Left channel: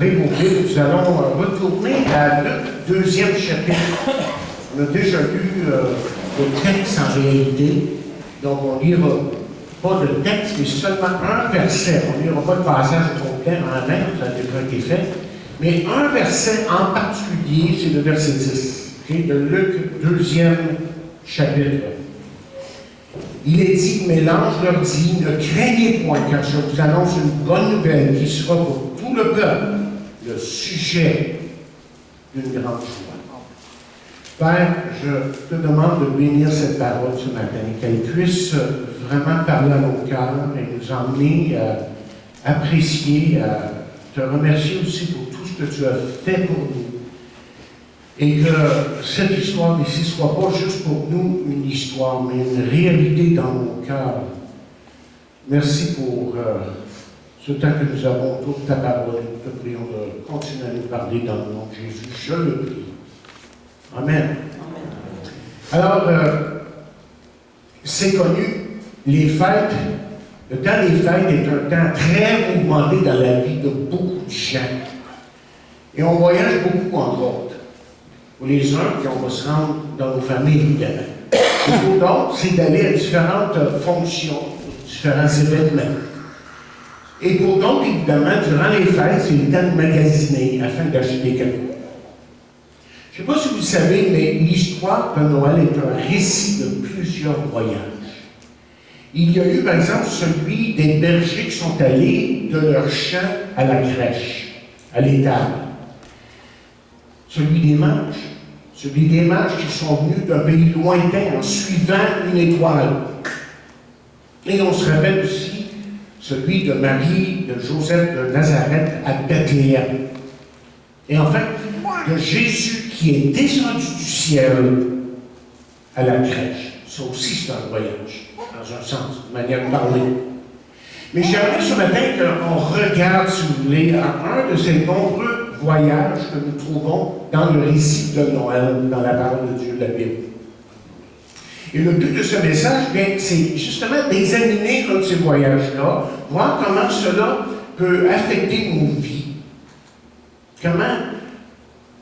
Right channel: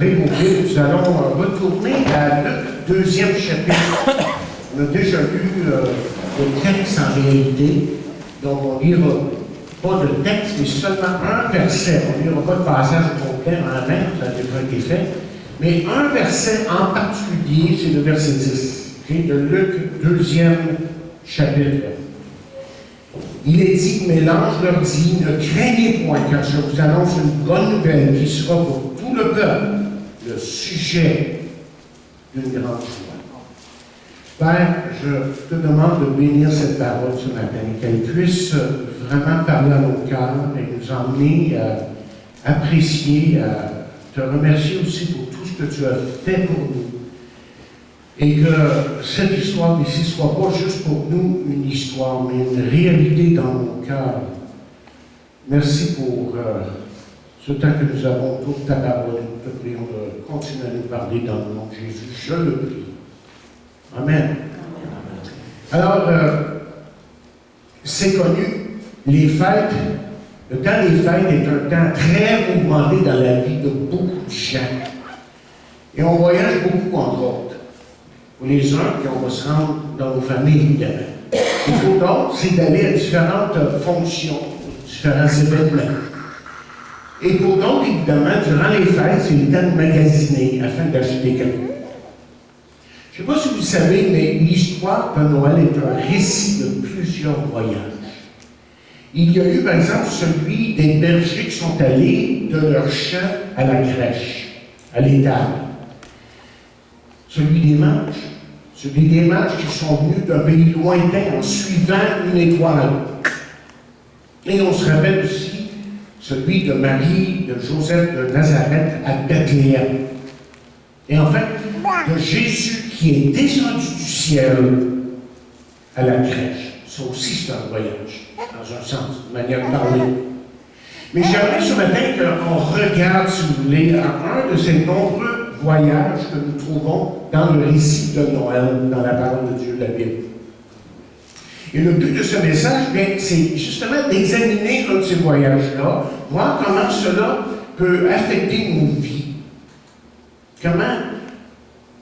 Nous allons retourner à Luc, deuxième chapitre. On a déjà lu le texte en réalité, donc on ne lira pas de texte, mais seulement un verset. On ne lira pas le passage complet en même, ça a déjà été fait, mais un verset en particulier, c'est le verset 10, de Luc, deuxième chapitre. Il est dit, mais l'ange leur dit, ne craignez point, car je vous annonce une bonne nouvelle qui sera pour tout le peuple le sujet d'une grande joie. Père, je te demande de bénir cette parole ce matin, qu'elle puisse vraiment parler à nos cœurs et nous emmener à apprécier, à te remercier aussi pour tout ce que tu as fait pour nous. Et que cette histoire ici ne soit pas juste pour nous une histoire, mais une réalité dans nos cœurs. Merci pour ce temps que nous avons autour de ta parole. Nous te prions de continuer à nous parler dans le nom de Jésus. Je le prie. Amen. Alors, c'est connu, les fêtes, le temps des fêtes est un temps très mouvementé dans la vie de beaucoup de gens. Et on voyage beaucoup, entre autres. Pour les uns, puis on va se rendre dans nos familles, évidemment. Et pour d'autres, c'est d'aller à différentes fonctions, différents événements. Et pour d'autres, évidemment, durant les fêtes, c'est le temps de magasiner afin d'acheter des cadeaux. Je ne sais pas si vous le savez, mais l'histoire de Noël est un récit de plusieurs voyages. Il y a eu, par exemple, celui des bergers qui sont allés de leur champ à la crèche, à l'étable. Celui des mages qui sont venus d'un pays lointain en suivant une étoile. Et on se rappelle aussi celui de Marie, de Joseph de Nazareth à Bethléem. Et enfin, de Jésus qui est descendu du ciel à la crèche. Ça aussi, c'est un voyage, dans un sens, une manière de parler. Mais j'aimerais ce matin qu'on regarde, si vous voulez, à un de ces nombreux voyages que nous trouvons dans le récit de Noël, dans la parole de Dieu, la Bible. Et le but de ce message, c'est justement d'examiner un de ces voyages-là, voir comment cela peut affecter nos vies. Comment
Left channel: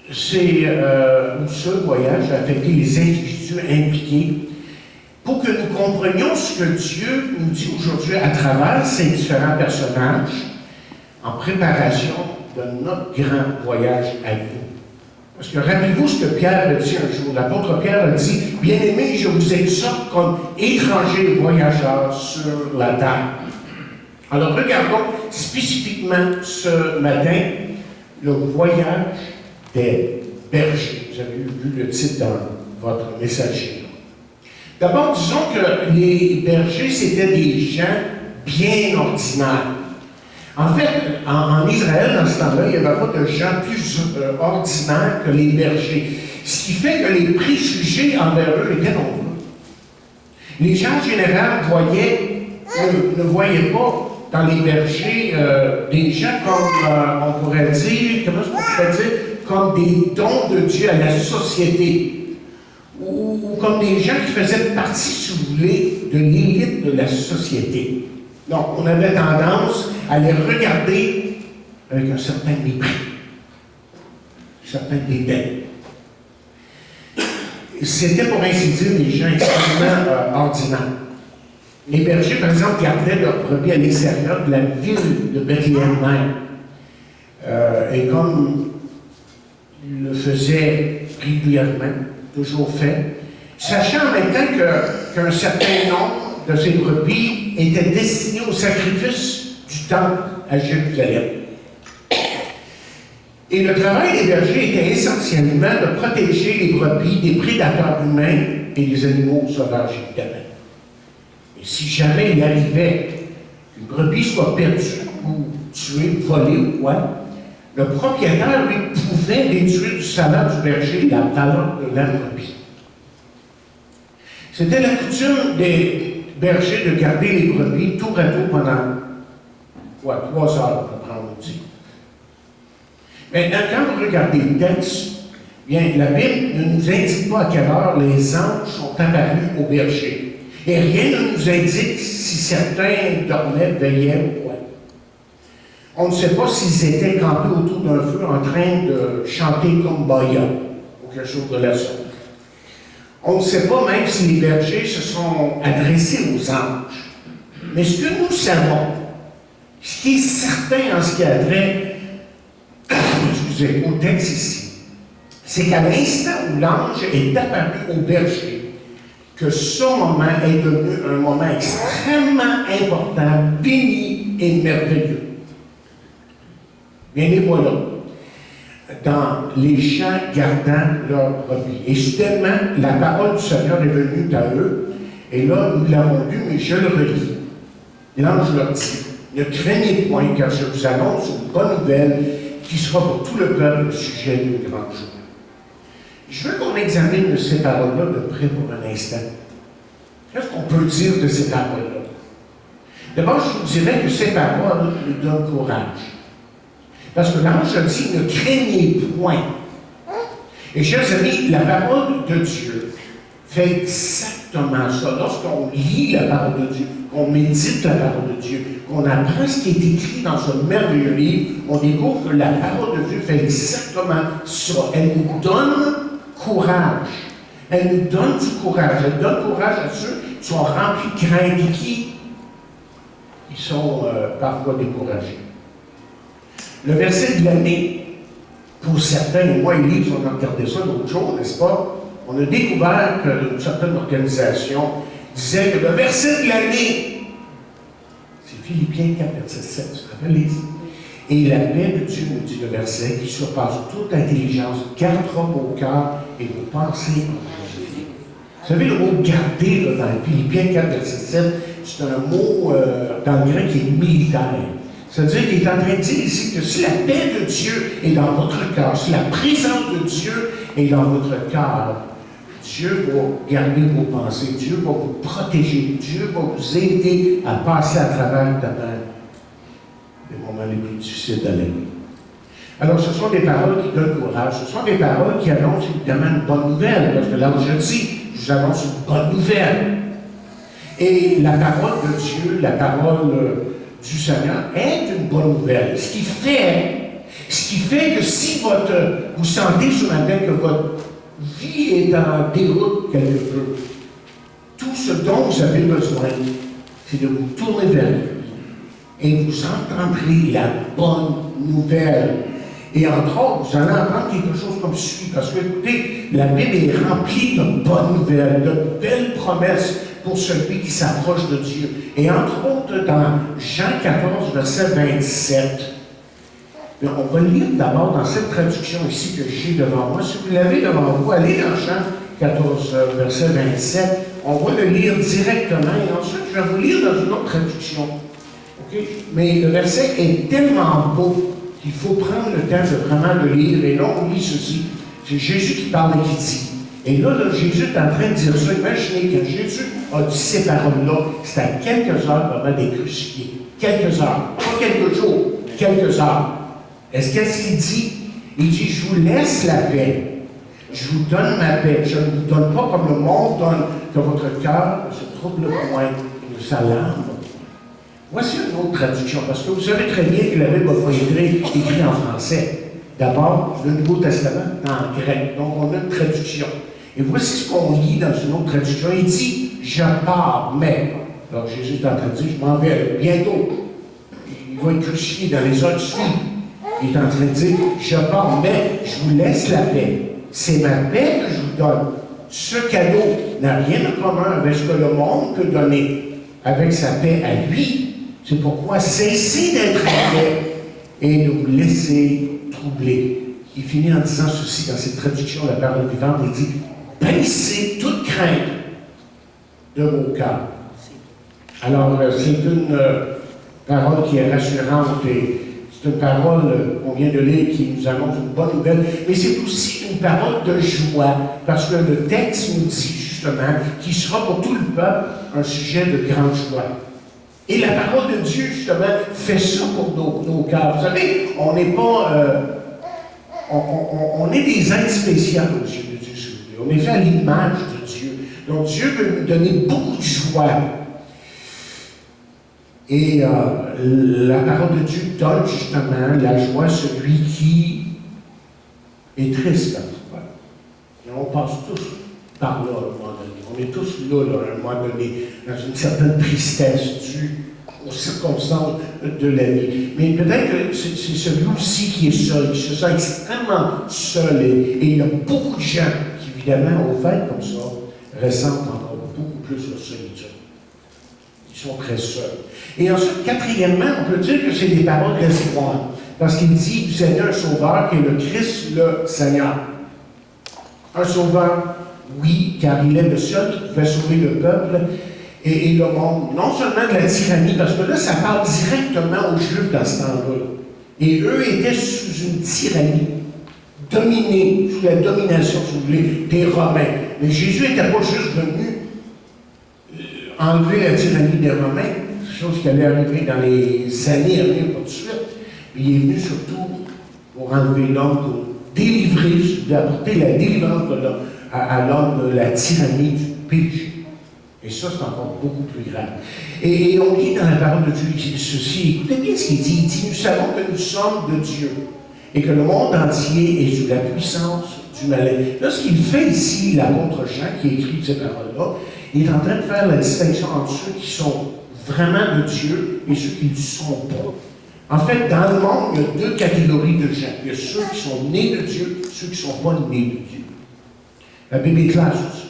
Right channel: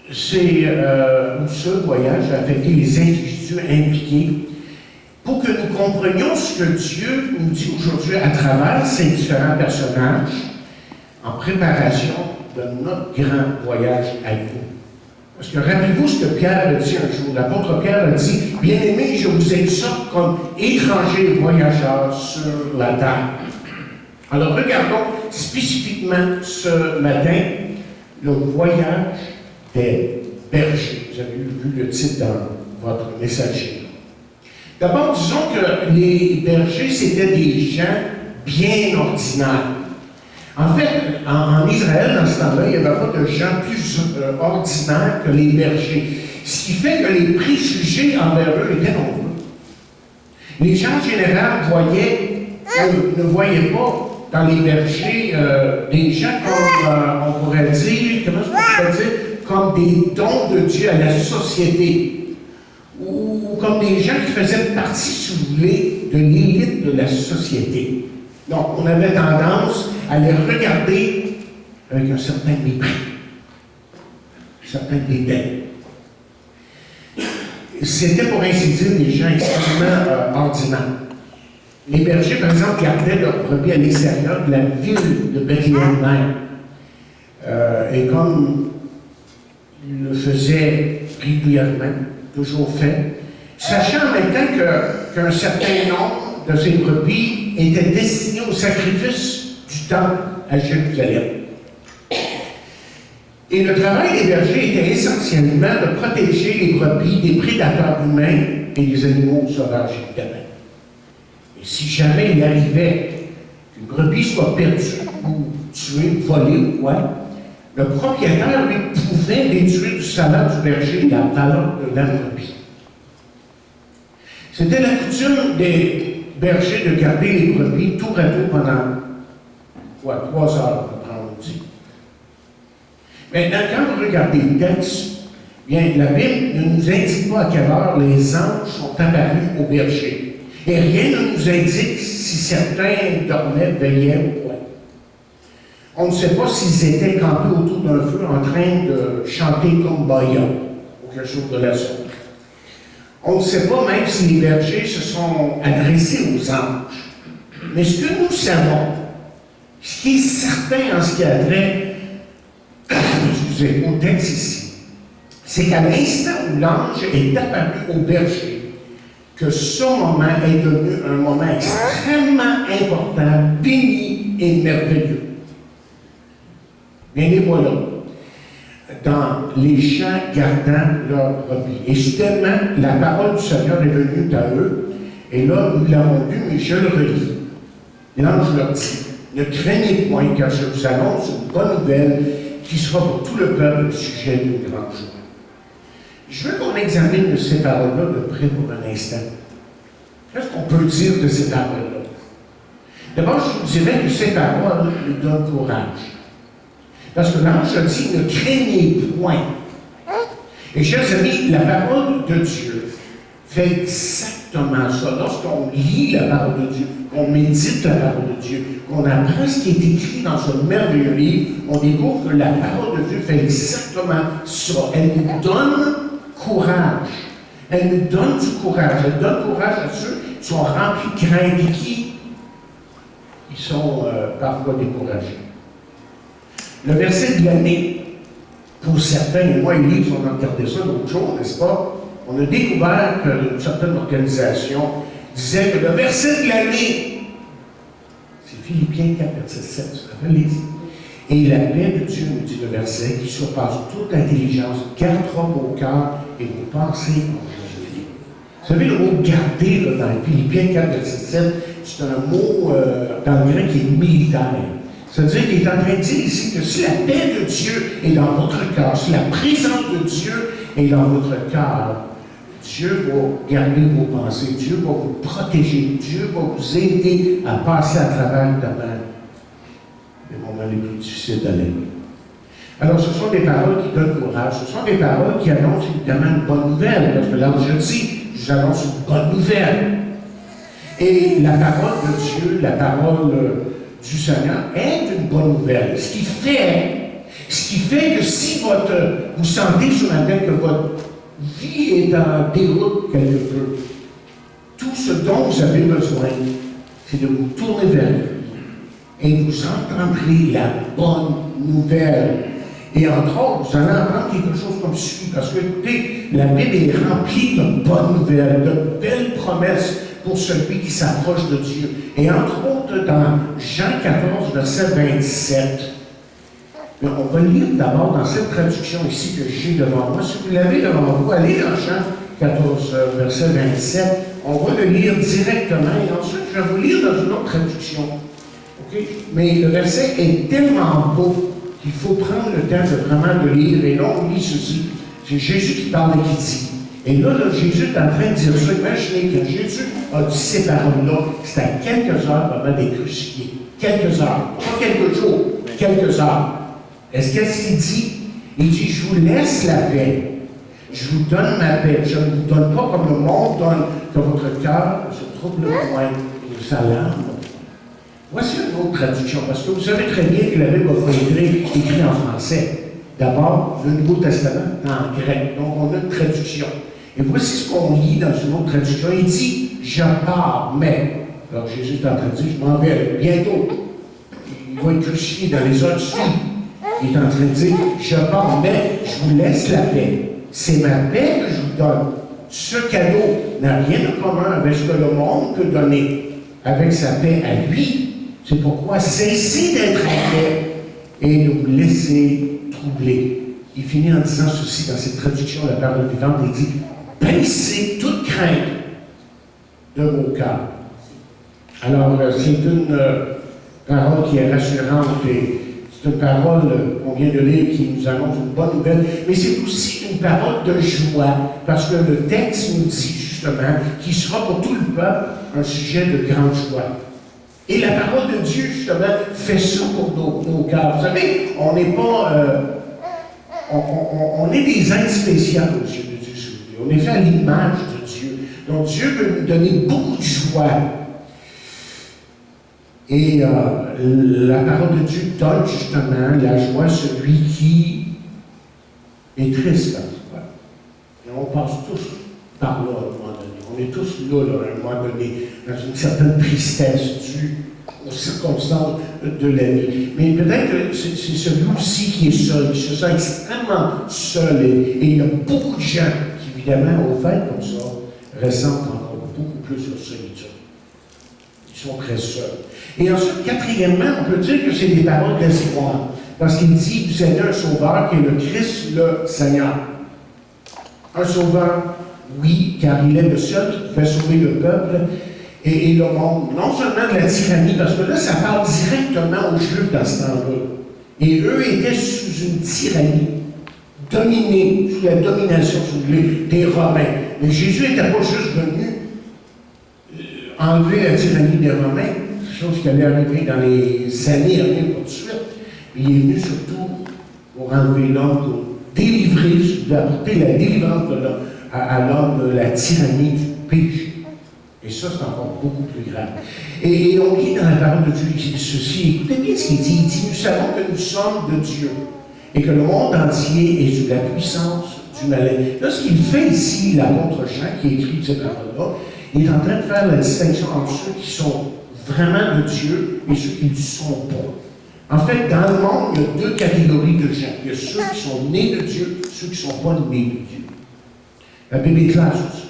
ce voyage a affecté les individus impliqués, pour que nous comprenions ce que Dieu nous dit aujourd'hui à travers ces différents personnages en préparation de notre grand voyage à nous. Parce que rappelez-vous ce que Pierre a dit un jour. L'apôtre Pierre a dit, « Bien-aimés, je vous exhorte comme étrangers et voyageurs sur la terre. » Alors regardons spécifiquement ce matin le voyage des bergers. Vous avez vu le titre dans votre messager. D'abord, disons que les bergers, c'était des gens bien ordinaires. En fait, en Israël, dans ce temps-là, il n'y avait pas de gens plus ordinaires que les bergers. Ce qui fait que les préjugés envers eux étaient nombreux. Les gens, en général, ne voyaient pas dans les bergers des gens comme, on pourrait dire, comme des dons de Dieu à la société. Ou comme des gens qui faisaient partie, si vous voulez, de l'élite de la société. Donc, on avait tendance à les regarder avec un certain mépris, un certain dédain. C'était, pour ainsi dire, des gens extrêmement ordinaires. Les bergers, par exemple, gardaient leurs brebis à l'extérieur de la ville de Bethléem même. Et comme ils le faisaient régulièrement, toujours fait, sachant en même temps qu'un certain nombre de ces brebis étaient destinés au sacrifice du temple à Jérusalem. Et le travail des bergers était essentiellement de protéger les brebis des prédateurs humains et des animaux sauvages, évidemment. Et si jamais il arrivait qu'une brebis soit perdue ou tuée, volée ou quoi, le propriétaire, lui, pouvait déduire du salaire du berger la valeur de la brebis. C'était la coutume des bergers de garder les brebis tour à tour pendant 3 heures, on dit. Maintenant, quand vous regardez le texte, bien, la Bible ne nous indique pas à quelle heure les anges sont apparus aux bergers. Et rien ne nous indique si certains dormaient, veillaient ou quoi. On ne sait pas s'ils étaient campés autour d'un feu en train de chanter Kumbaya ou quelque chose de la sorte. On ne sait pas même si les bergers se sont adressés aux anges. Mais ce que nous savons, ce qui est certain en ce qui a trait au texte ici, c'est qu'à l'instant où l'ange est apparu au berger, que ce moment est devenu un moment extrêmement important, béni et merveilleux. Bien les voilà, dans les champs gardant leurs brebis. Et soudainement, la parole du Seigneur est venue à eux, et là, nous l'avons lu, mais je le relis. L'ange leur dit, ne craignez point, car je vous annonce une bonne nouvelle qui sera pour tout le peuple le sujet d'une grande joie. Je veux qu'on examine ces paroles-là de près pour un instant. Qu'est-ce qu'on peut dire de ces paroles-là? D'abord, je vous dirais que ces paroles nous donnent courage. Parce que l'ange a dit, ne craignez point. Et chers amis, la parole de Dieu fait exactement ça. Lorsqu'on lit la parole de Dieu, qu'on médite la parole de Dieu, qu'on apprend ce qui est écrit dans ce merveilleux livre, on découvre que la parole de Dieu fait exactement ça. Elle nous donne courage. Elle nous donne du courage. Elle donne courage à ceux qui sont remplis de crainte et qui sont parfois découragés. Le verset de l'année, pour certains, et moi et Lise, on a regardé ça l'autre jour, n'est-ce pas? On a découvert qu'une certaine organisation disait que le verset de l'année, c'est Philippiens 4, verset 7, tu te rappelles, Lise? Et la paix de Dieu, nous dit le verset, qui surpasse toute intelligence, gardera vos cœurs et vos pensées en Jésus. Vous savez, le mot garder, là, dans Philippiens 4, verset 7, c'est un mot dans le grec qui est militaire. C'est-à-dire qu'il est en train de dire ici que si la paix de Dieu est dans votre cœur, si la présence de Dieu est dans votre cœur, Dieu va garder vos pensées, Dieu va vous protéger, Dieu va vous aider à passer à travers les moments les plus difficiles de l'année. Alors, ce sont des paroles qui donnent courage, ce sont des paroles qui annoncent évidemment une bonne nouvelle, parce que l'ange dit, je vous annonce une bonne nouvelle. Et la parole de Dieu, la parole du Seigneur est une bonne nouvelle. Ce qui fait que si vous sentez sur la tête que votre vie est en déroute quelque peu, tout ce dont vous avez besoin, c'est de vous tourner vers lui et vous entendrez la bonne nouvelle. Et entre autres, vous allez entendre quelque chose comme suit, parce que, écoutez, la Bible est remplie de bonnes nouvelles, de belles promesses pour celui qui s'approche de Dieu. Et entre autres, dans Jean 14, verset 27, on va lire d'abord dans cette traduction ici que j'ai devant moi. Si vous l'avez devant vous, allez dans Jean 14, verset 27. On va le lire directement et ensuite je vais vous lire dans une autre traduction. Okay? Mais le verset est tellement beau qu'il faut prendre le temps de vraiment le lire. Et là, on lit ceci. C'est Jésus qui parle et qui dit. Et là, Jésus est en train de dire ça. Imaginez que Jésus a dit ces paroles-là. C'est à quelques heures vraiment des crucifiés. Quelques heures. Pas quelques jours, quelques heures. Qu'est-ce qu'il dit? Il dit, je vous laisse la paix. Je vous donne ma paix. Je ne vous donne pas comme le monde donne, que votre cœur ne se trouble point et ne s'alarme. Voici une autre traduction, parce que vous savez très bien que la Bible n'a pas été écrite en français. D'abord, le Nouveau Testament en grec. Donc, on a une traduction. Et voici ce qu'on lit dans une autre traduction. Il dit, je pars, mais. Alors, Jésus est en train de dire, je m'en vais bientôt. Il va être crucifié dans les heures suivantes. Il est en train de dire, je pars, mais je vous laisse la paix. C'est ma paix que je vous donne. Ce cadeau n'a rien de commun avec ce que le monde peut donner, avec sa paix à lui. C'est pourquoi cessez d'être inquiets et ne vous laissez troubler. Il finit en disant ceci dans cette traduction de la parole vivante. Il dit, baissez toute crainte de vos cœurs. Alors, c'est une parole qui est rassurante et c'est une parole qu'on vient de lire qui nous annonce une bonne nouvelle, mais c'est aussi une parole de joie, parce que le texte nous dit justement qu'il sera pour tout le peuple un sujet de grande joie. Et la parole de Dieu, justement, fait ça pour nos cœurs. Vous savez, on n'est pas... on est des êtres spéciaux aux yeux de Dieu, s'il vous plaît. On est fait à l'image de Dieu. Donc Dieu veut nous donner beaucoup de joie. Et la parole de Dieu donne justement la joie à celui qui est triste. Et on passe tous par là à un moment donné. On est tous là, à un moment donné, dans une certaine tristesse due aux circonstances de la vie. Mais peut-être que c'est celui aussi qui est seul, qui se sent extrêmement seul. Et il y a beaucoup de gens qui, évidemment, au fait comme ça, ressentent encore beaucoup plus leur solitude. Ils sont très seuls. Et ensuite, quatrièmement, on peut dire que c'est des paroles d'espoir. Parce qu'il dit, vous avez un sauveur qui est le Christ, le Seigneur. Un sauveur, oui, car il est le seul qui pouvait sauver le peuple et le monde. Non seulement de la tyrannie, parce que là, ça parle directement aux Juifs dans ce temps-là. Et eux étaient sous une tyrannie, dominés, sous la domination, si vous voulez, des Romains. Mais Jésus n'était pas juste venu enlever la tyrannie des Romains, chose qui allait arriver dans les années à venir, pas de suite. Mais il est venu surtout pour enlever l'homme, pour délivrer, d'apporter la délivrance de l'homme, à l'homme de la tyrannie du péché. Et ça, c'est encore beaucoup plus grave. Et on lit dans la parole de Dieu ceci, écoutez bien ce qu'il dit. Il dit, nous savons que nous sommes de Dieu et que le monde entier est sous la puissance du malin. Là, ce qu'il fait ici, l'apôtre Jean, qui écrit ces paroles-là, il est en train de faire la distinction entre ceux qui sont vraiment de Dieu et ceux qui ne le sont pas. En fait, dans le monde, il y a deux catégories de gens. Il y a ceux qui sont nés de Dieu, ceux qui ne sont pas nés de Dieu. La Bible est claire sur ça.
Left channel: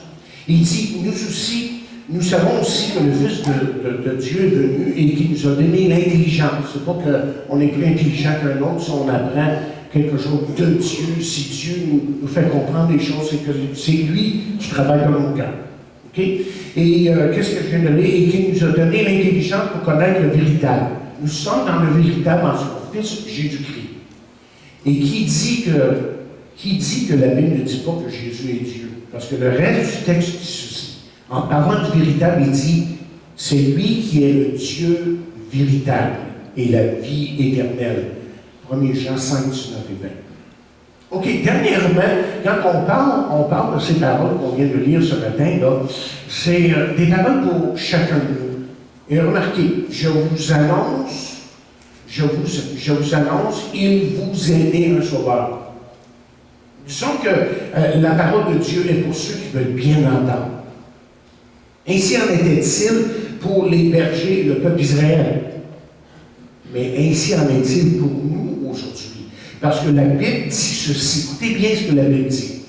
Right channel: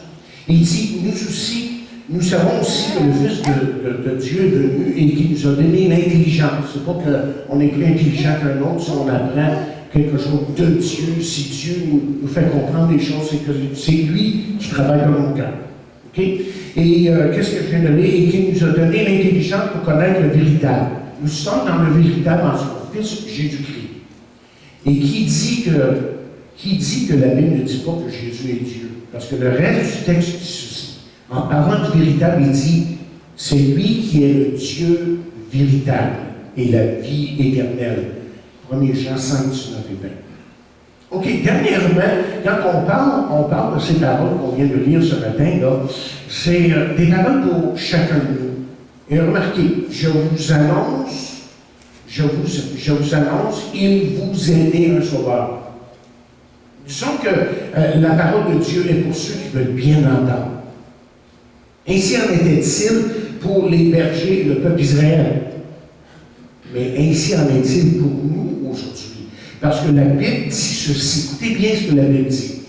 Il dit, nous aussi, nous savons aussi que le Fils de Dieu est venu et qu'il nous a donné l'intelligence. C'est pas qu'on est plus intelligent qu'un autre si on apprend quelque chose de Dieu, si Dieu nous fait comprendre des choses, c'est que c'est lui qui travaille dans nos cœurs. Okay? Et qu'est-ce que je viens de lire? Et qu'il nous a donné l'intelligence pour connaître le véritable. Nous sommes dans le véritable en son Fils Jésus-Christ. Et qui dit que la Bible ne dit pas que Jésus est Dieu? Parce que le reste du texte dit ceci. En parlant du véritable, il dit, c'est lui qui est le Dieu véritable et la vie éternelle. 1 Jean 5, 19 et 20. OK, dernièrement, quand on parle de ces paroles qu'on vient de lire ce matin, là, c'est des paroles pour chacun de nous. Et remarquez, je vous annonce, il vous est né un sauveur. Disons que la parole de Dieu est pour ceux qui veulent bien l'entendre. Ainsi en était-il pour les bergers, le peuple d'Israël. Mais ainsi en est-il pour nous aujourd'hui. Parce que la Bible dit ceci. Écoutez bien ce que la Bible dit.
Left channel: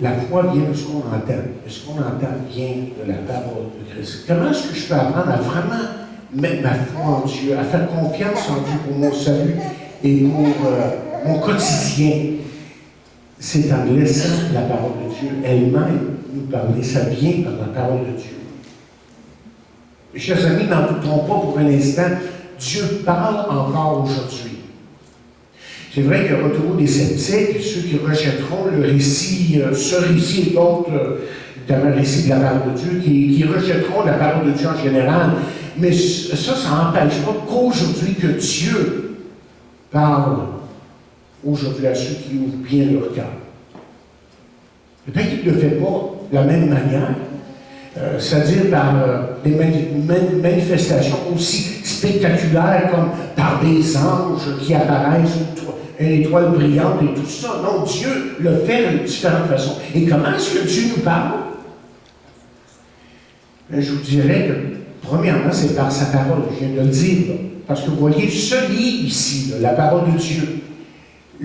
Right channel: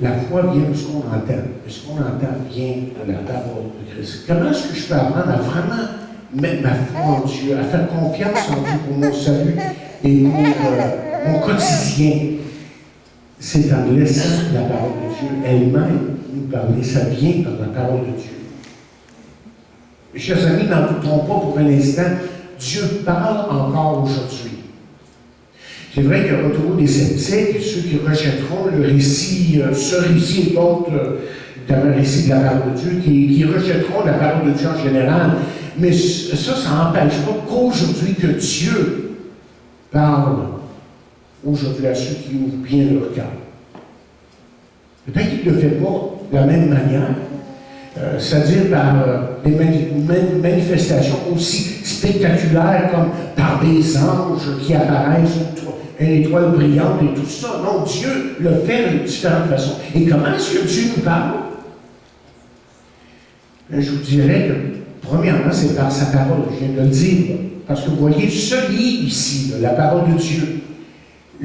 La foi vient de ce qu'on entend. Ce qu'on entend vient de la parole de Christ. Comment est-ce que je peux apprendre à vraiment mettre ma foi en Dieu, à faire confiance en Dieu pour mon salut et pour mon quotidien? C'est en laissant la parole de Dieu elle-même nous parler. Ça vient par la parole de Dieu. Mes chers amis, n'en doutons pas pour un instant, Dieu parle encore aujourd'hui. C'est vrai qu'il y aura toujours des sceptiques, ceux qui rejetteront le récit, ce récit et d'autres, notamment le récit de la parole de Dieu, qui rejetteront la parole de Dieu en général. Mais ça n'empêche pas qu'aujourd'hui, que Dieu parle aujourd'hui à ceux qui ouvrent bien leur cœur. Peut-être qu'il ne le fait pas de la même manière, c'est-à-dire par des manifestations aussi spectaculaires comme par des anges qui apparaissent, une étoile brillante et tout ça. Non, Dieu le fait de différentes façons. Et comment est-ce que Dieu nous parle? Je vous dirais que, premièrement, c'est par sa parole, je viens de le dire. Parce que vous voyez, ce livre ici, la parole de Dieu,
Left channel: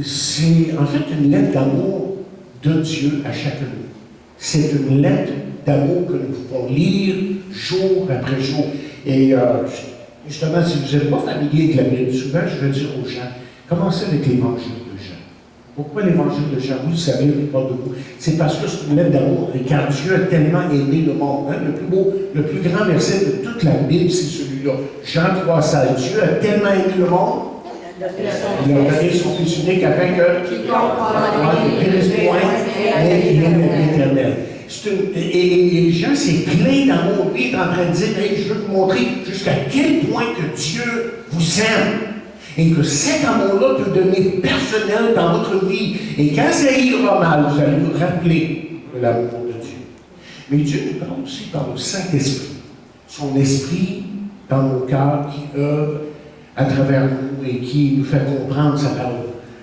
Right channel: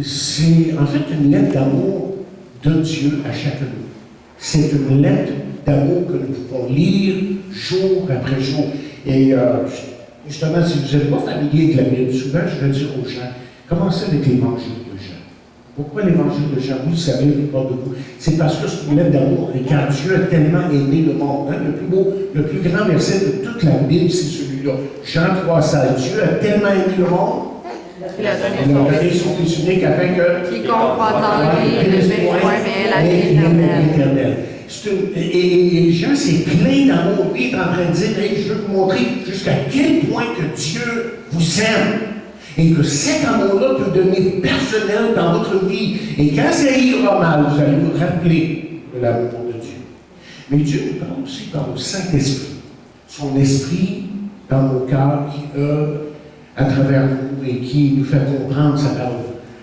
c'est en fait une lettre d'amour de Dieu à chacun de nous. C'est une lettre d'amour que nous pouvons lire jour après jour. Et justement, si vous n'êtes pas familier avec la Bible, souvent je vais dire aux gens, commencez avec l'évangile de Jean. Pourquoi l'évangile de Jean? Vous le savez, la plupart de vous. C'est parce que c'est une lettre d'amour. Et car Dieu a tellement aimé le monde. Hein? Le plus beau, le plus grand verset de toute la Bible, c'est celui-là. Jean 3,16. Dieu a tellement aimé le monde. Il a donné son Fils unique afin que quiconque croit en lui ne périsse point, mais qu'il ait la vie éternelle. Et Jean, c'est plein d'amour. Lui, il est en train de dire, hey, je veux vous montrer jusqu'à quel point que Dieu vous aime. Et que cet amour-là peut devenir personnel dans votre vie. Et quand ça ira mal, vous allez vous rappeler de l'amour de Dieu. Mais Dieu nous parle aussi par le Saint-Esprit. Son esprit dans nos cœurs, qui œuvre à travers nous et qui nous fait comprendre sa parole.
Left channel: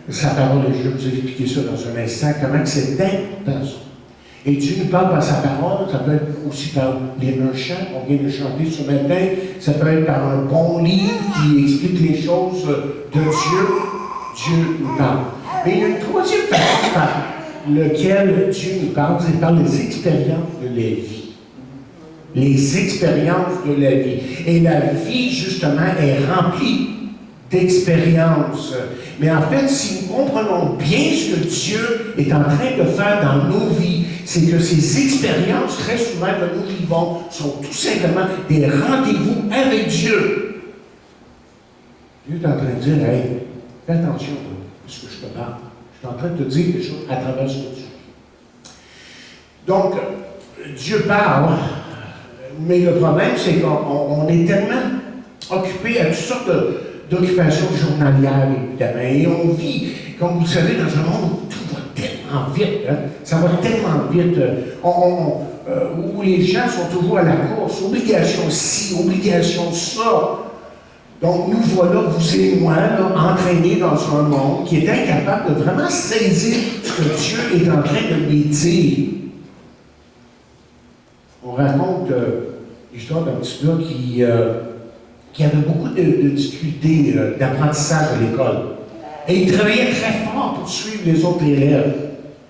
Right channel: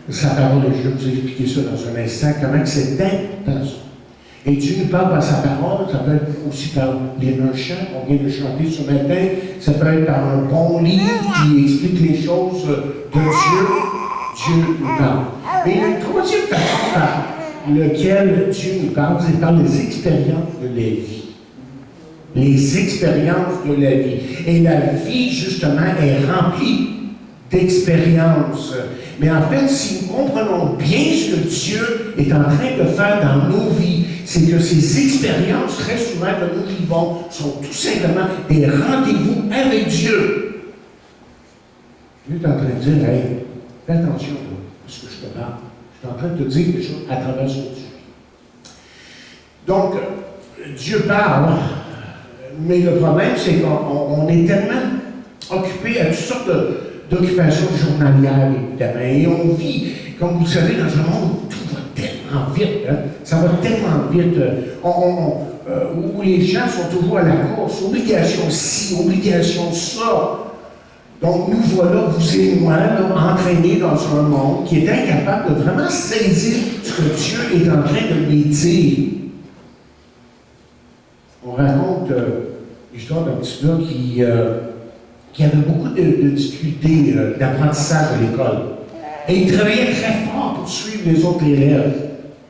Sa parole, je vais vous expliquer ça dans un instant, comment c'est important ça. Et Dieu nous parle par sa parole, ça peut être aussi par un chant, on vient de chanter ce matin, ça peut être par un bon livre qui explique les choses de Dieu. Dieu nous parle. Mais il y a une troisième façon par laquelle Dieu nous parle, c'est par les expériences de la vie. Les expériences de la vie. Et la vie, justement, est remplie d'expériences. Mais en fait, si nous comprenons bien ce que Dieu est en train de faire dans nos vies, c'est que ces expériences, très souvent, que nous vivons, sont tout simplement des rendez-vous avec Dieu. Dieu est en train de dire, hey, fais attention à ce que je te parle. Je suis en train de te dire quelque chose à travers ce que tu vis. Donc, Dieu parle, mais le problème, c'est qu'on est tellement occupé à toutes sortes d'occupations journalières, évidemment. Et on vit, comme vous le savez, dans un monde où tout va tellement vite. Hein? Ça va tellement vite. Où les gens sont toujours à la course. Obligation ci, obligation ça. Donc, nous voilà, vous et moi, là, entraînés dans un monde qui est incapable de vraiment saisir ce que Dieu est en train de lui dire. On raconte l'histoire d'un petit gars qui avait beaucoup de difficultés d'apprentissage à l'école. Et il travaillait très fort pour suivre les autres élèves.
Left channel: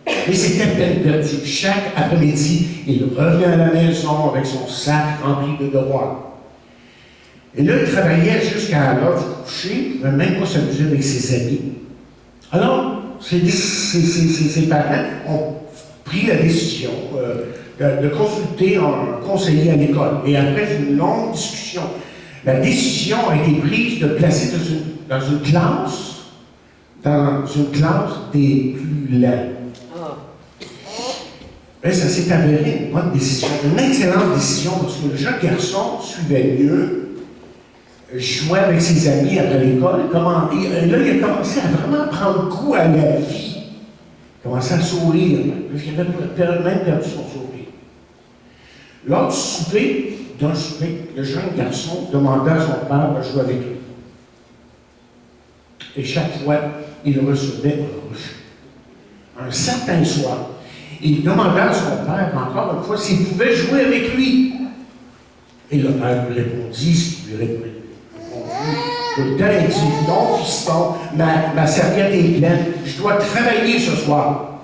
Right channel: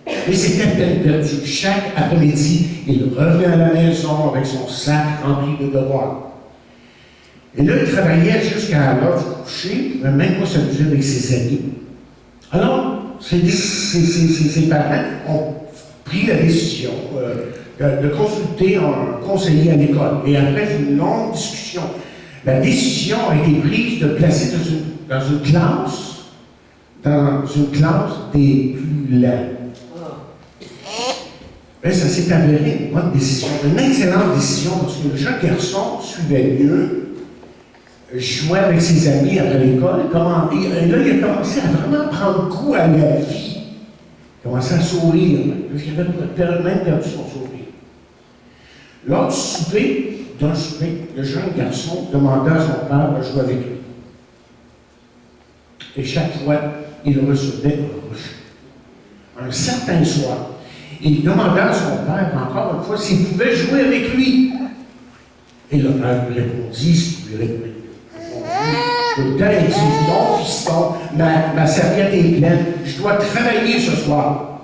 Mais c'était peine perdue. Chaque après-midi, il revenait à la maison avec son sac rempli de devoirs. Et là, il travaillait jusqu'à l'heure du coucher, il ne pouvait même pas s'amuser avec ses amis. Alors, ses parents ont pris la décision de consulter un conseiller à l'école. Et après une longue discussion, la décision a été prise de placer dans une classe des plus lents. Ben, ça s'est avéré une bonne décision, une excellente décision, parce que le jeune garçon suivait mieux, jouait avec ses amis après l'école, et là, il a commencé à vraiment prendre goût à la vie. Il a commencé à sourire, parce qu'il avait même perdu son sourire. Lors du souper, le jeune garçon demanda à son père de jouer avec lui. Et chaque fois, il recevait un certain soir. Il demanda à son père, encore une fois, s'il pouvait jouer avec lui. Et le père lui répondit ce qu'il lui répondit. Le temps, il dit, non, fiston, ma serviette est pleine, je dois travailler ce soir.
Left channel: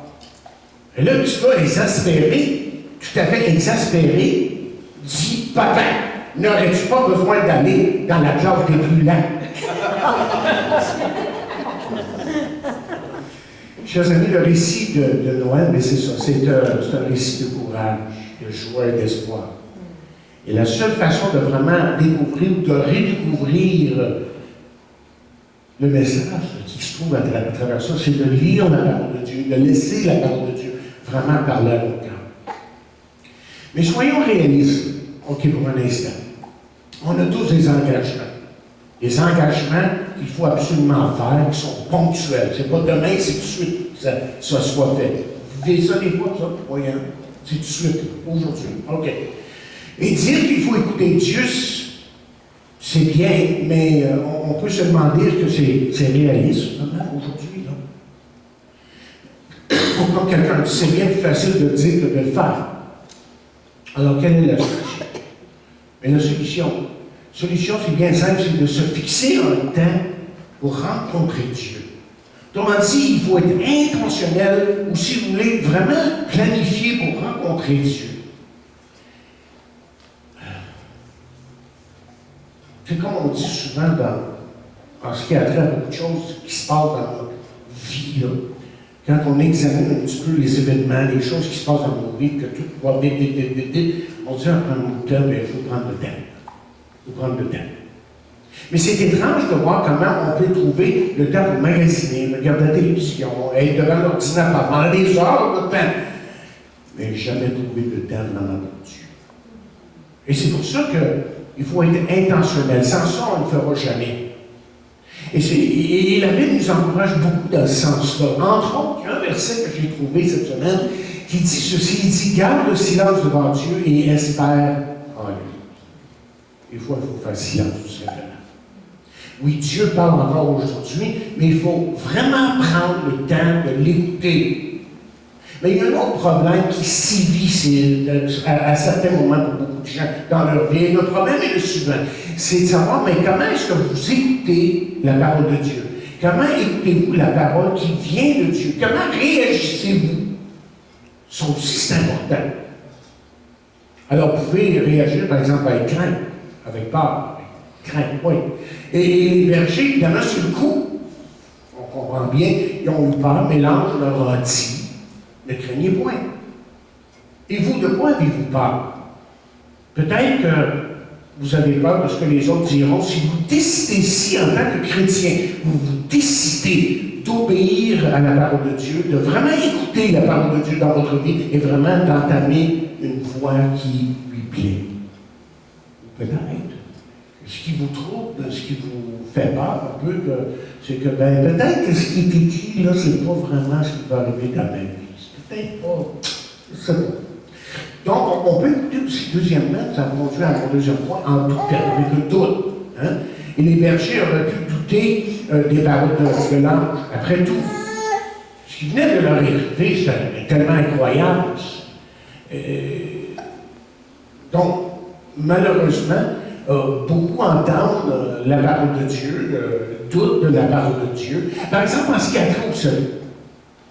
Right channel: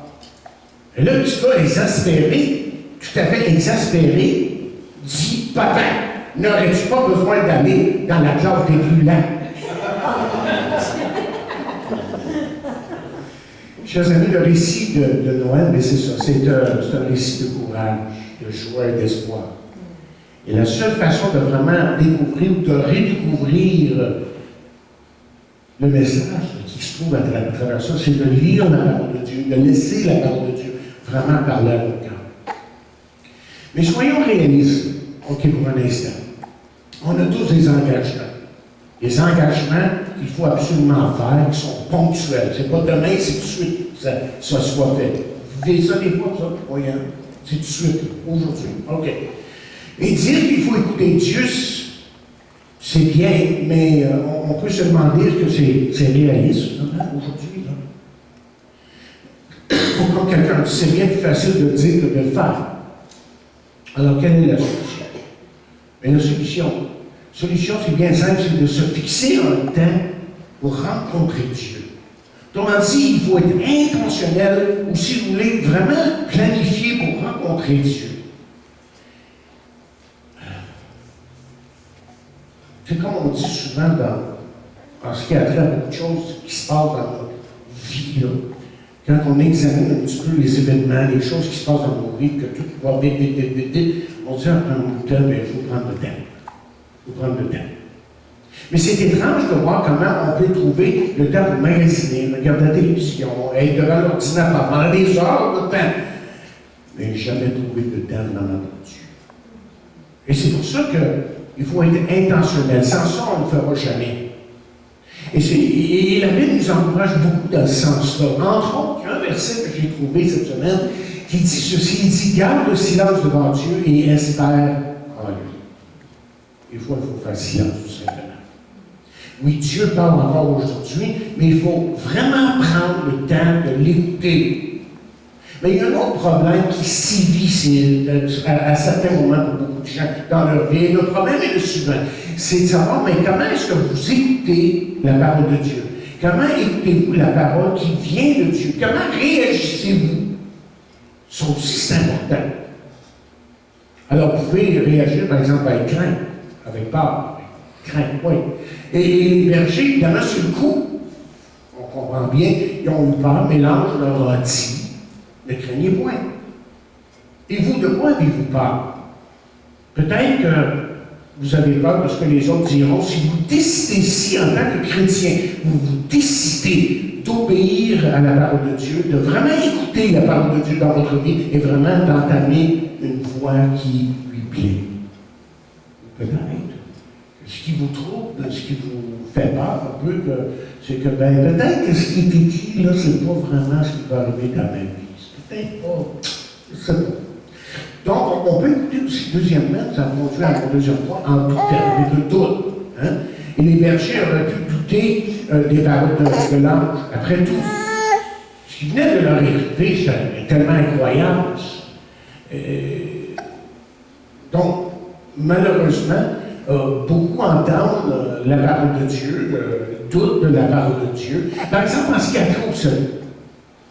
Et là, le petit gars, exaspéré, tout à fait exaspéré, dit, papa, n'aurais-tu pas besoin d'aller dans la classe des plus lents? Chers amis, le récit de Noël, mais c'est ça, c'est un récit de courage, de joie et d'espoir. Et la seule façon de vraiment découvrir ou de redécouvrir le message qui se trouve à travers ça, c'est de lire la parole de Dieu, de laisser la parole de Dieu vraiment parler à nos cœurs. Mais soyons réalistes, OK, pour un instant. On a tous des engagements. Des engagements qu'il faut absolument faire, qui sont ponctuels. C'est pas demain, c'est tout de suite que ça soit fait. Vous vivez ça des fois, ça? Oui, hein? C'est tout de suite, aujourd'hui. OK. Et dire qu'il faut écouter Dieu, c'est bien, mais on peut se demander est-ce que c'est réaliste, aujourd'hui, là? Comme quelqu'un dit, c'est bien plus facile de dire que de le faire. Alors, quelle est la solution? Mais la solution, c'est bien simple, c'est de se fixer un temps pour rencontrer Dieu. Autrement dit, il faut être intentionnel, ou si vous voulez, vraiment planifier pour rencontrer Dieu. C'est comme on dit souvent en ce qui a trait à beaucoup de choses qui se passent dans notre vie, là. Quand on examine un petit peu les événements, les choses qui se passent dans nos vies, que tout va vite, on dit après un temps, il faut prendre le temps. Il faut prendre le temps. Mais c'est étrange de voir comment on peut trouver le temps pour magasiner, regarder la télévision, être devant l'ordinateur pendant des heures de temps, mais jamais trouver le temps dans notre Dieu. Et c'est pour ça qu'il faut être intentionnel. Sans ça, on ne le fera jamais. Et la Bible nous encourage beaucoup dans ce sens-là. Entre autres, il y a un verset que j'ai trouvé cette semaine qui dit ceci, il dit « Garde le silence devant Dieu et espère en lui. » Des fois, il faut faire silence, tout simplement. Oui, Dieu parle encore aujourd'hui, mais il faut vraiment prendre le temps de l'écouter. Mais il y a un autre problème qui sévit à certains moments pour beaucoup de gens dans leur vie. Le problème est le suivant, c'est de savoir, mais comment est-ce que vous écoutez la parole de Dieu? Comment écoutez-vous la parole qui vient de Dieu? Comment réagissez-vous? Ça aussi, c'est important. Alors, vous pouvez réagir, par exemple, avec crainte, avec peur, avec crainte, oui. Et les bergers, évidemment, sur le coup, on comprend bien, ils ont eu peur, mais l'ange leur a dit, ne craignez point. Et vous, de quoi avez-vous peur? Peut-être que vous avez peur de ce que les autres diront. Si vous décidez ici, en tant que chrétien, vous décidez d'obéir à la parole de Dieu, de vraiment écouter la parole de Dieu dans votre vie et vraiment d'entamer une voie qui lui plaît. Peut-être que ce qui vous trouble, ce qui vous fait peur un peu, c'est que peut-être que ce qui est écrit là, c'est pas vraiment ce qui va arriver dans ma vie. C'est peut-être pas. C'est bon. Donc, on peut écouter aussi, deuxièmement, ça va conduire à mon deuxième point, en tout cas, avec le doute. Hein? Et les bergers auraient pu douter des paroles de l'ange. Après tout, ce qui venait de leur arriver, c'était tellement incroyable. Donc, malheureusement, beaucoup entendent la parole de Dieu, doutent de la parole de Dieu. Par exemple, en ce qui a trait au salut.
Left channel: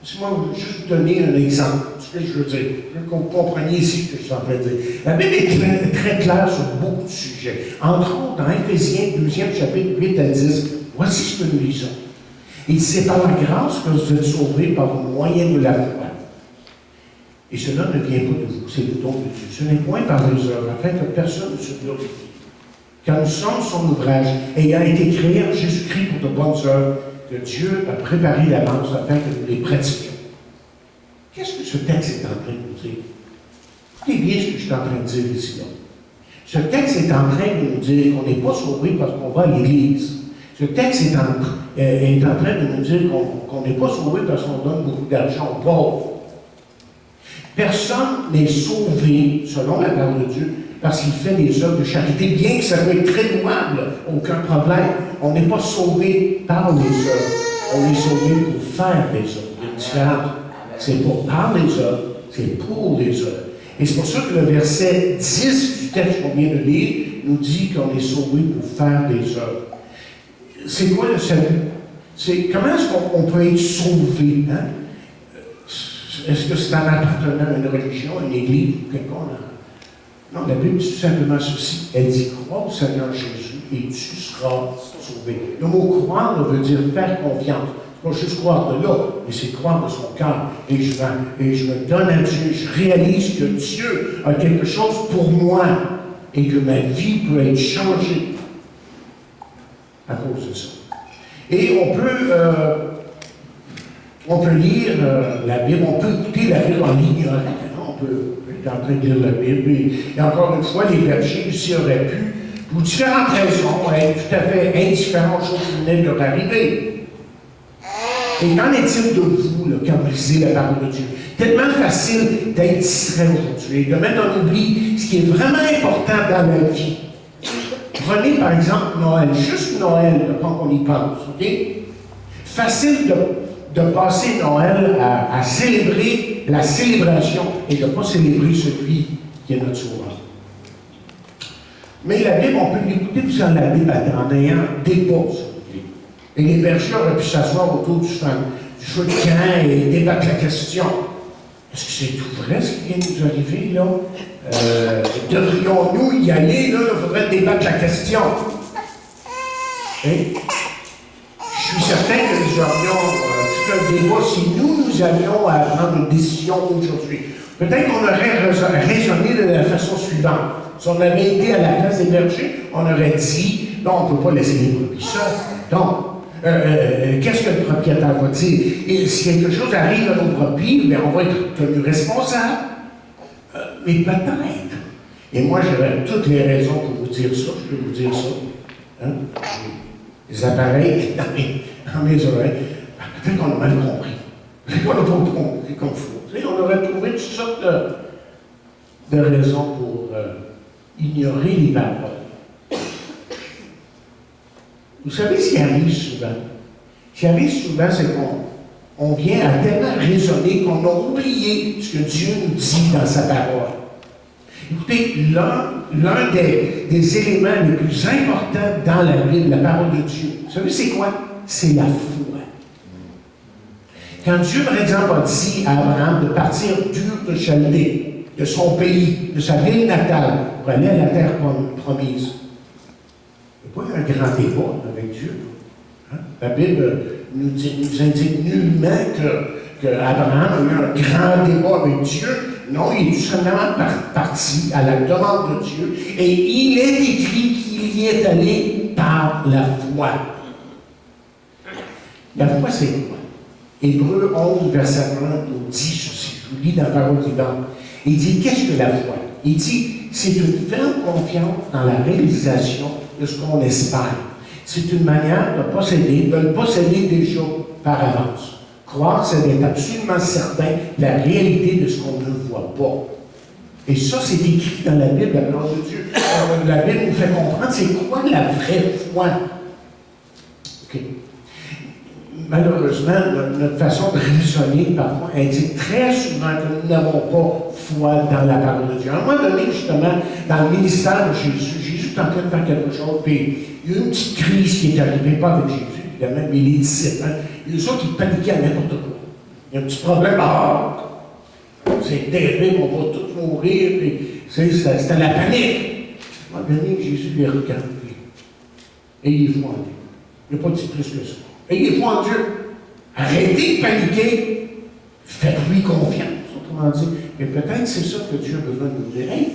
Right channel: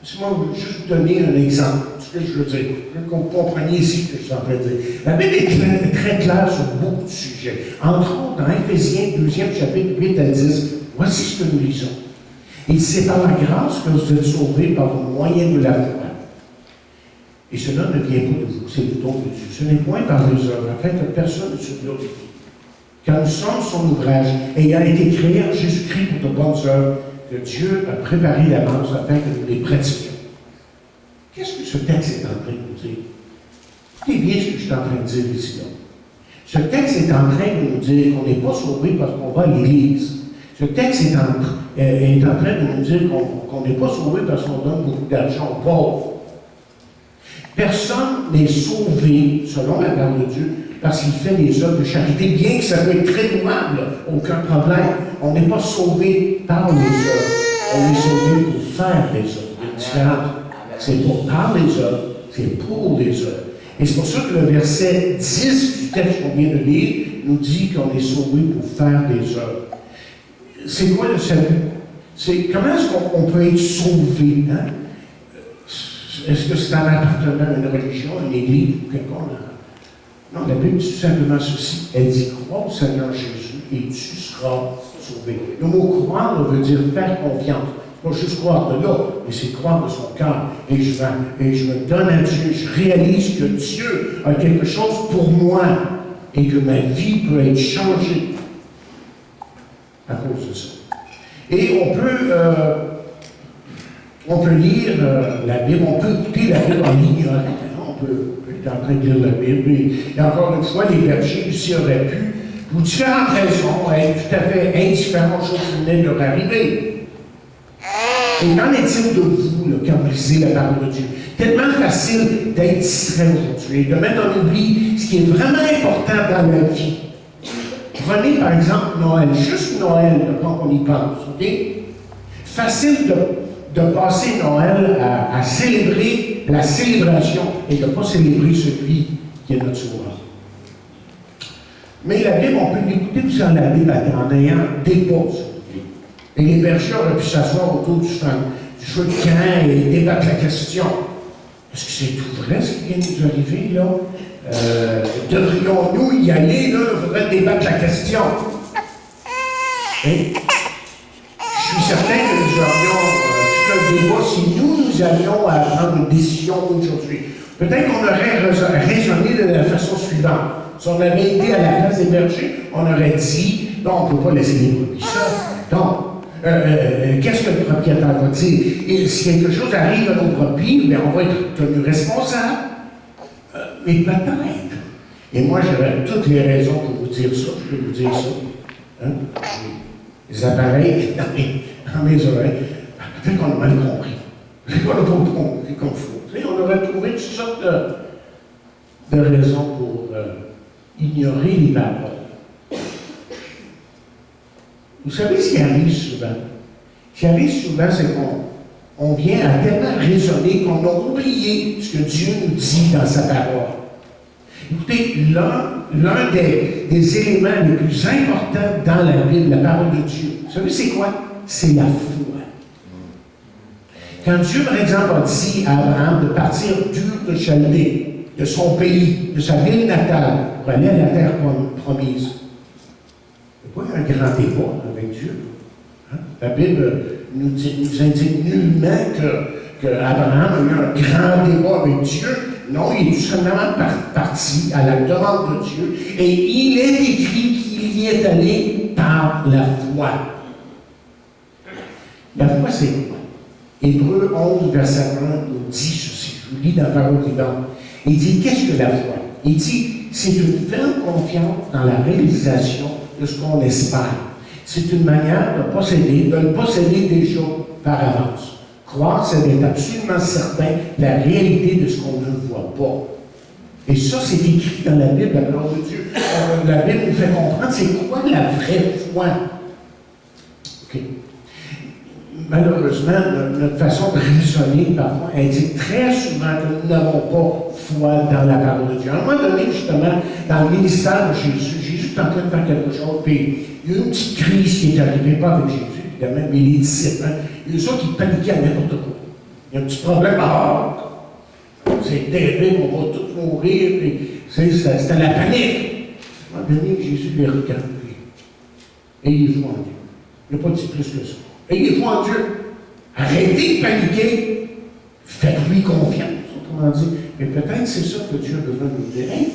Laissez-moi juste vous donner un exemple. Ce que je veux dire, je veux que vous compreniez ici ce que je suis en train de dire. La Bible est très claire sur beaucoup de sujets. Entre autres, dans Éphésiens 2e chapitre 8 à 10, voici ce que nous lisons. Il dit, c'est par la grâce que vous êtes sauvés par le moyen de la foi. Et cela ne vient pas de vous, c'est le don de Dieu. Ce n'est point par les œuvres, afin que personne ne se glorifie. Car nous sommes son ouvrage, ayant été créés en Jésus-Christ pour de bonnes œuvres, que Dieu a préparé d'avance afin que nous les pratiquions. Qu'est-ce que ce texte est en train de nous dire? Écoutez bien ce que je suis en train de dire ici. Là. Ce texte est en train de nous dire qu'on n'est pas sauvé parce qu'on va à l'Église. Ce texte est en train de nous dire qu'on n'est pas sauvé parce qu'on donne beaucoup d'argent aux pauvres. Personne n'est sauvé, selon la parole de Dieu, parce qu'il fait des œuvres de charité, bien que ça peut être très louable, aucun problème. On n'est pas sauvé par les œuvres, on est sauvé pour faire des œuvres. Il y a une différence. C'est pas par les œuvres, c'est pour les œuvres. Et c'est pour ça que le verset 10 du texte qu'on vient de lire nous dit qu'on est sauvé pour faire des œuvres. C'est quoi le salut? Comment est-ce qu'on peut être sauvé? Hein? Est-ce que c'est en appartenant à une religion, à une église ou quelconque? Non, la Bible dit tout simplement ceci. Elle dit, crois au Seigneur Jésus et tu seras sauvé. Le mot croire veut dire faire confiance. C'est pas juste croire de là, mais c'est croire de son cœur. Et je me donne à Dieu, je réalise que Dieu a quelque chose pour moi et que ma vie peut être changée à cause de ça. Et on peut lire la Bible, on peut écouter la Bible en l'ignorant. On peut être en train de lire la Bible. Et encore une fois, les bergers ici auraient pu, pour différentes raisons, être tout à fait indifférents aux choses qui venaient de leur arriver. Et qu'en est-il de vous, là, quand vous lisez la parole de Dieu? Tellement facile d'être distrait aujourd'hui, de mettre en oubli ce qui est vraiment important dans la vie. Prenez par exemple Noël, juste Noël, quand on y pense, ok? Facile de passer Noël à célébrer la célébration et de ne pas célébrer celui qui est notre sauveur. Mais la Bible, on peut l'écouter aussi dans la Bible en ayant des pauses. Et les bergers auraient pu s'asseoir autour du feu de camp et débattre la question. Est-ce que c'est tout vrai ce qui vient de nous arriver, là? Devrions-nous y aller, là? Il faudrait débattre la question. Et je suis certain que nous aurions tout un débat si nous avions à prendre une décision aujourd'hui. Peut-être qu'on aurait raisonné de la façon suivante. Si on avait été à la place des bergers, on aurait dit, non, on ne peut pas laisser les brebis seuls. Donc, qu'est-ce que le propriétaire va dire? Et si quelque chose arrive à nos brebis, bien, on va être tenu responsable. Mais peut-être. Et moi, j'aurais toutes les raisons pour vous dire ça. Je peux vous dire ça. Hein? Les appareils dans mes oreilles. Peut-être qu'on a mal compris. Peut-être qu'on n'a pas compris comme il faut. On aurait trouvé toutes sortes de raisons pour ignorer les paroles. Vous savez ce qui arrive souvent? Ce qui arrive souvent, c'est qu'on vient à tellement raisonner qu'on a oublié ce que Dieu nous dit dans sa parole. Écoutez, l'un des éléments les plus importants dans la Bible, la parole de Dieu, vous savez c'est quoi? C'est la foi. Quand Dieu, par exemple, a dit à Abraham de partir d'Ur de Chaldée, de son pays, de sa ville natale, pour aller à la terre promise, il n'y a pas un grand débat avec Dieu. Hein? La Bible nous indique nullement qu'Abraham a eu un grand débat avec Dieu. Non, il est tout simplement parti à la demande de Dieu. Et il est écrit qu'il y est allé par la foi. La foi, c'est quoi? Hébreux 11, verset 1 nous dit ceci. Je vous lis dans la parole vivante. Il dit, qu'est-ce que la foi? Il dit, c'est une ferme confiance dans la réalisation de ce qu'on espère. C'est une manière de le posséder déjà par avance. Croire, c'est d'être absolument certain de la réalité de ce qu'on ne voit pas. Et ça, c'est écrit dans la Bible, la parole de Dieu. La Bible nous fait comprendre c'est quoi la vraie foi. OK. Malheureusement, notre façon de raisonner, parfois, indique très souvent que nous n'avons pas foi dans la parole de Dieu. À un moment donné, justement, dans le ministère de Jésus, Jésus est en train de faire quelque chose, puis il y a eu une petite crise qui est arrivée, pas avec Jésus, évidemment, mais les disciples. Hein, il y a eu ça qui paniquaient à n'importe quoi. Il y a un petit problème, c'est terrible, on va tous mourir, puis c'était la panique. À un moment donné, Jésus les regarde, puis ayez foi en Dieu. Il n'a pas dit plus que ça. Ayez foi en Dieu. Arrêtez de paniquer. Faites-lui confiance, autrement dit. Mais peut-être c'est ça que Dieu a besoin de nous dire. Hey,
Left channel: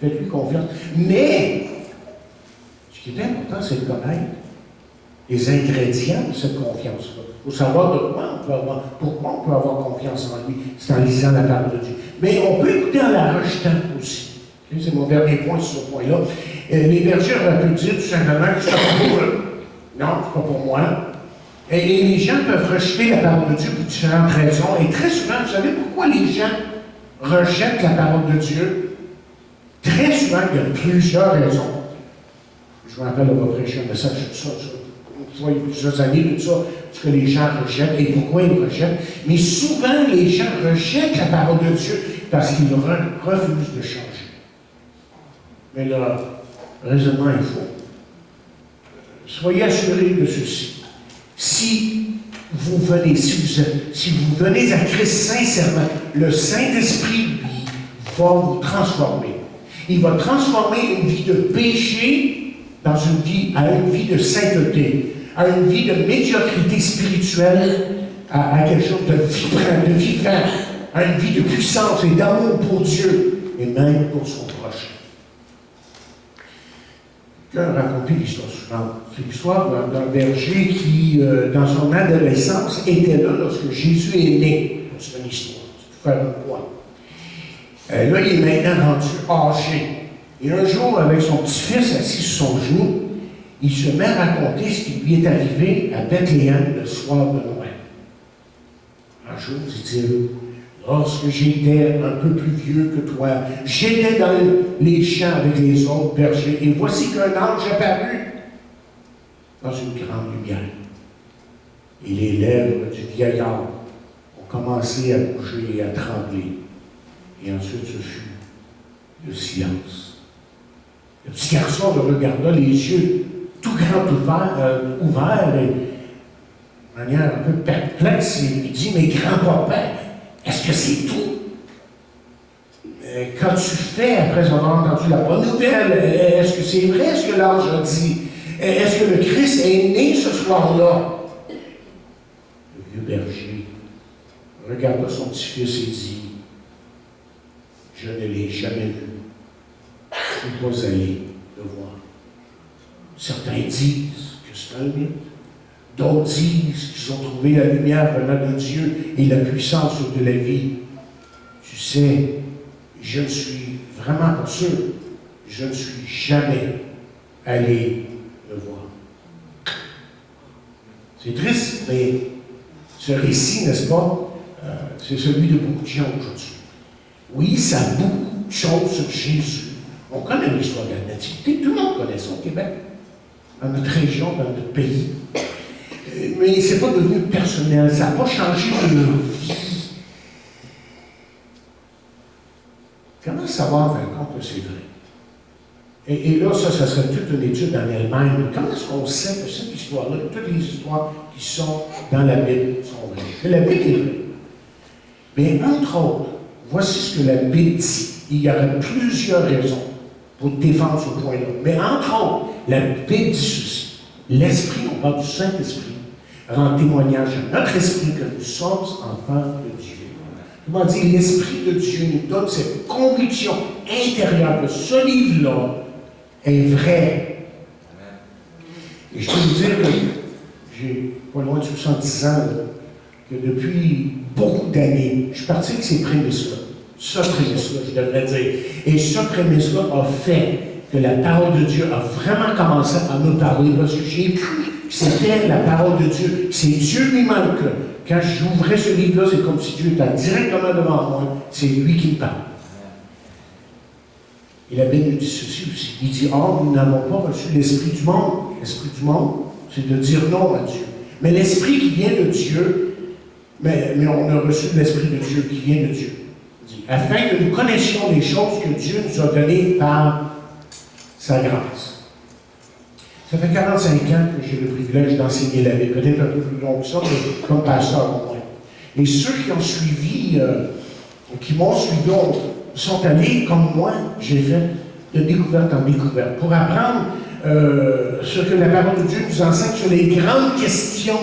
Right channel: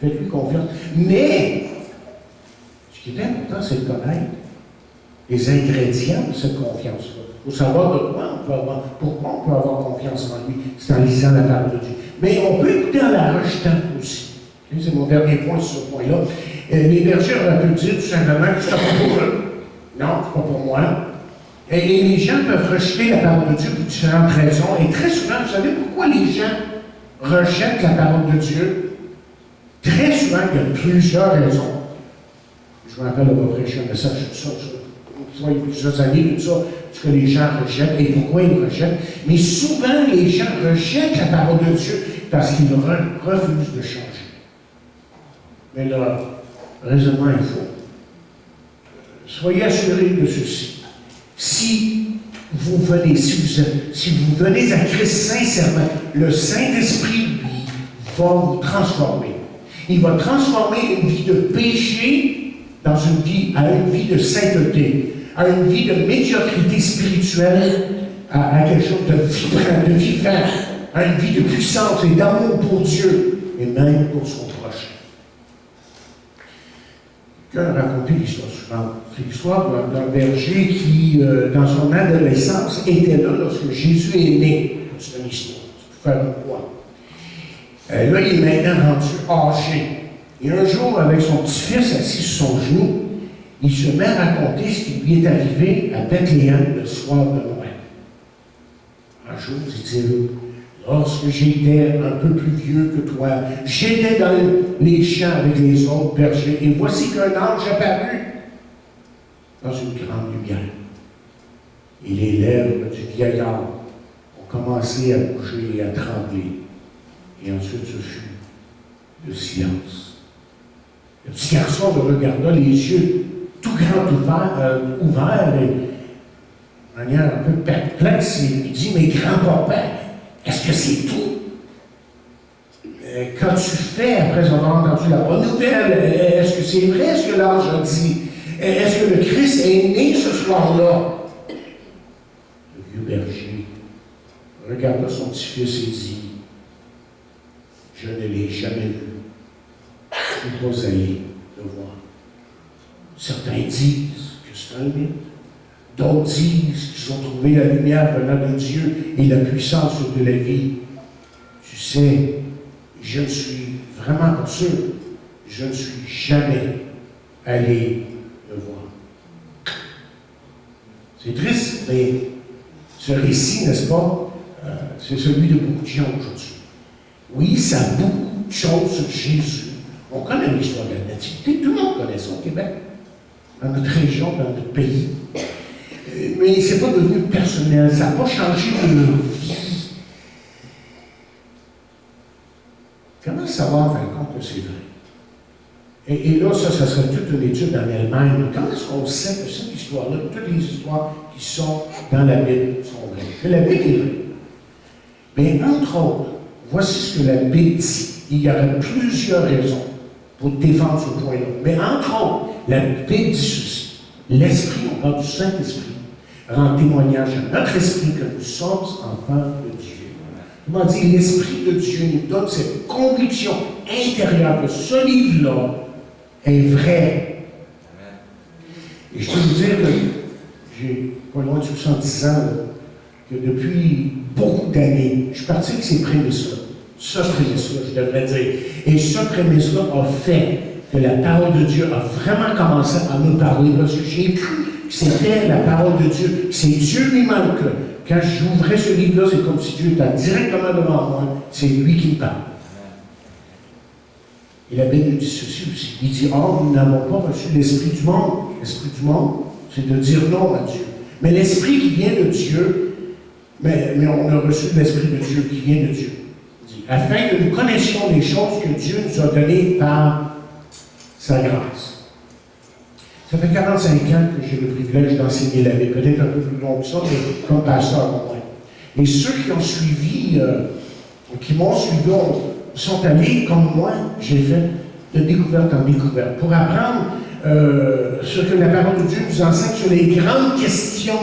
faites-lui confiance. Mais, ce qui est important, c'est de connaître les ingrédients de cette confiance-là. Il faut savoir de pourquoi on peut avoir confiance en lui. C'est en lisant la parole de Dieu. Mais on peut écouter en la rejetant aussi. C'est mon dernier point sur ce point-là. Les bergers auraient pu dire tout simplement que c'est pas pour eux. Non, c'est pas pour moi. Et les gens peuvent rejeter la parole de Dieu pour différentes raisons. Et très souvent, vous savez pourquoi les gens rejettent la parole de Dieu? Très souvent, il y a plusieurs raisons. Je me rappelle, on va prêcher un message sur ça, il y a plusieurs années de ça, ce que les gens rejettent et pourquoi ils rejettent. Mais souvent, les gens rejettent la parole de Dieu parce qu'ils refusent de changer. Mais le raisonnement est faux. Soyez assurés de ceci. Si vous venez à Christ sincèrement, le Saint-Esprit, lui, va vous transformer. Il va transformer une vie de péché à une vie de sainteté, à une vie de médiocrité spirituelle, à quelque chose de vibrant, de vivant, à une vie de puissance et d'amour pour Dieu et même pour son prochain. Quelqu'un a raconté l'histoire suivante. C'est l'histoire d'un berger qui, dans son adolescence, était là lorsque Jésus est né. C'est une histoire, c'est pour faire un point. Là, il est maintenant rendu âgé. Et un jour, avec son petit-fils assis sur son genou, il se met à raconter ce qui lui est arrivé à Bethléem le soir de Noël. Un jour, dit-il, lorsque j'étais un peu plus vieux que toi, j'étais dans les champs avec les autres bergers, et voici qu'un ange apparut dans une grande lumière. Et les lèvres du vieillard ont commencé à bouger et à trembler. Et ensuite, ce fut le silence. Le petit garçon le regarda, les yeux tout grands ouverts, et de manière un peu perplexe, il lui dit, mais grand-papa, est-ce que c'est tout? Qu'as-tu fait après avoir entendu la bonne nouvelle? Est-ce que c'est vrai ce que l'ange a dit? Est-ce que le Christ est né ce soir-là? Le vieux berger regarda son petit-fils et dit, je ne l'ai jamais vu. Je ne suis pas allé le voir. Certains disent que c'est un mythe. D'autres disent qu'ils ont trouvé la lumière venant de Dieu et la puissance de la vie. Tu sais, je ne suis vraiment pas sûr. Je ne suis jamais allé le voir. C'est triste, mais ce récit, n'est-ce pas, c'est celui de beaucoup de gens aujourd'hui. Oui, ça a beaucoup de choses sur Jésus. On connaît l'histoire de la nativité, tout le monde connaît ça au Québec. dans notre région, dans notre pays. Mais c'est pas devenu personnel, ça n'a pas changé de vie. Comment savoir, par contre, que c'est vrai? Et là, ça serait toute une étude en elle-même. Comment est-ce qu'on sait que cette histoire-là, toutes les histoires qui sont dans la Bible sont vraies? Que la Bible est vraie. Mais entre autres, voici ce que la Bible dit. Il y aurait plusieurs raisons pour défendre ce point-là. Mais entre autres, la Bible dit ceci. L'Esprit, on parle du Saint-Esprit, rend témoignage à notre esprit que nous sommes enfants de Dieu. Comment dire, l'Esprit de Dieu nous donne cette conviction intérieure que ce livre-là est vrai. Et je peux vous dire que j'ai pas loin de 70 ans, là, que depuis beaucoup d'années, je suis parti avec ces prémices-là. Ce prémisse-là, je devrais dire. Et ce prémisse-là a fait que la parole de Dieu a vraiment commencé à me parler parce que j'ai cru que c'était la parole de Dieu. C'est Dieu lui-même que, quand j'ouvrais ce livre-là, c'est comme si Dieu était directement devant moi. C'est lui qui me parle. Et la Bible nous dit ceci aussi. Il dit, oh, nous n'avons pas reçu l'esprit du monde. L'esprit du monde, c'est de dire non à Dieu. Mais l'esprit qui vient de Dieu, mais on a reçu l'esprit de Dieu qui vient de Dieu. Il dit, afin que nous connaissions les choses que Dieu nous a données par sa grâce. Ça fait 45 ans que j'ai le privilège d'enseigner la Bible, peut-être un peu plus long que ça, mais comme pasteur au moins. Et ceux qui ont suivi, qui m'ont suivi, sont allés, comme moi, j'ai fait de découverte en découverte, pour apprendre ce que la parole de Dieu nous enseigne sur les grandes questions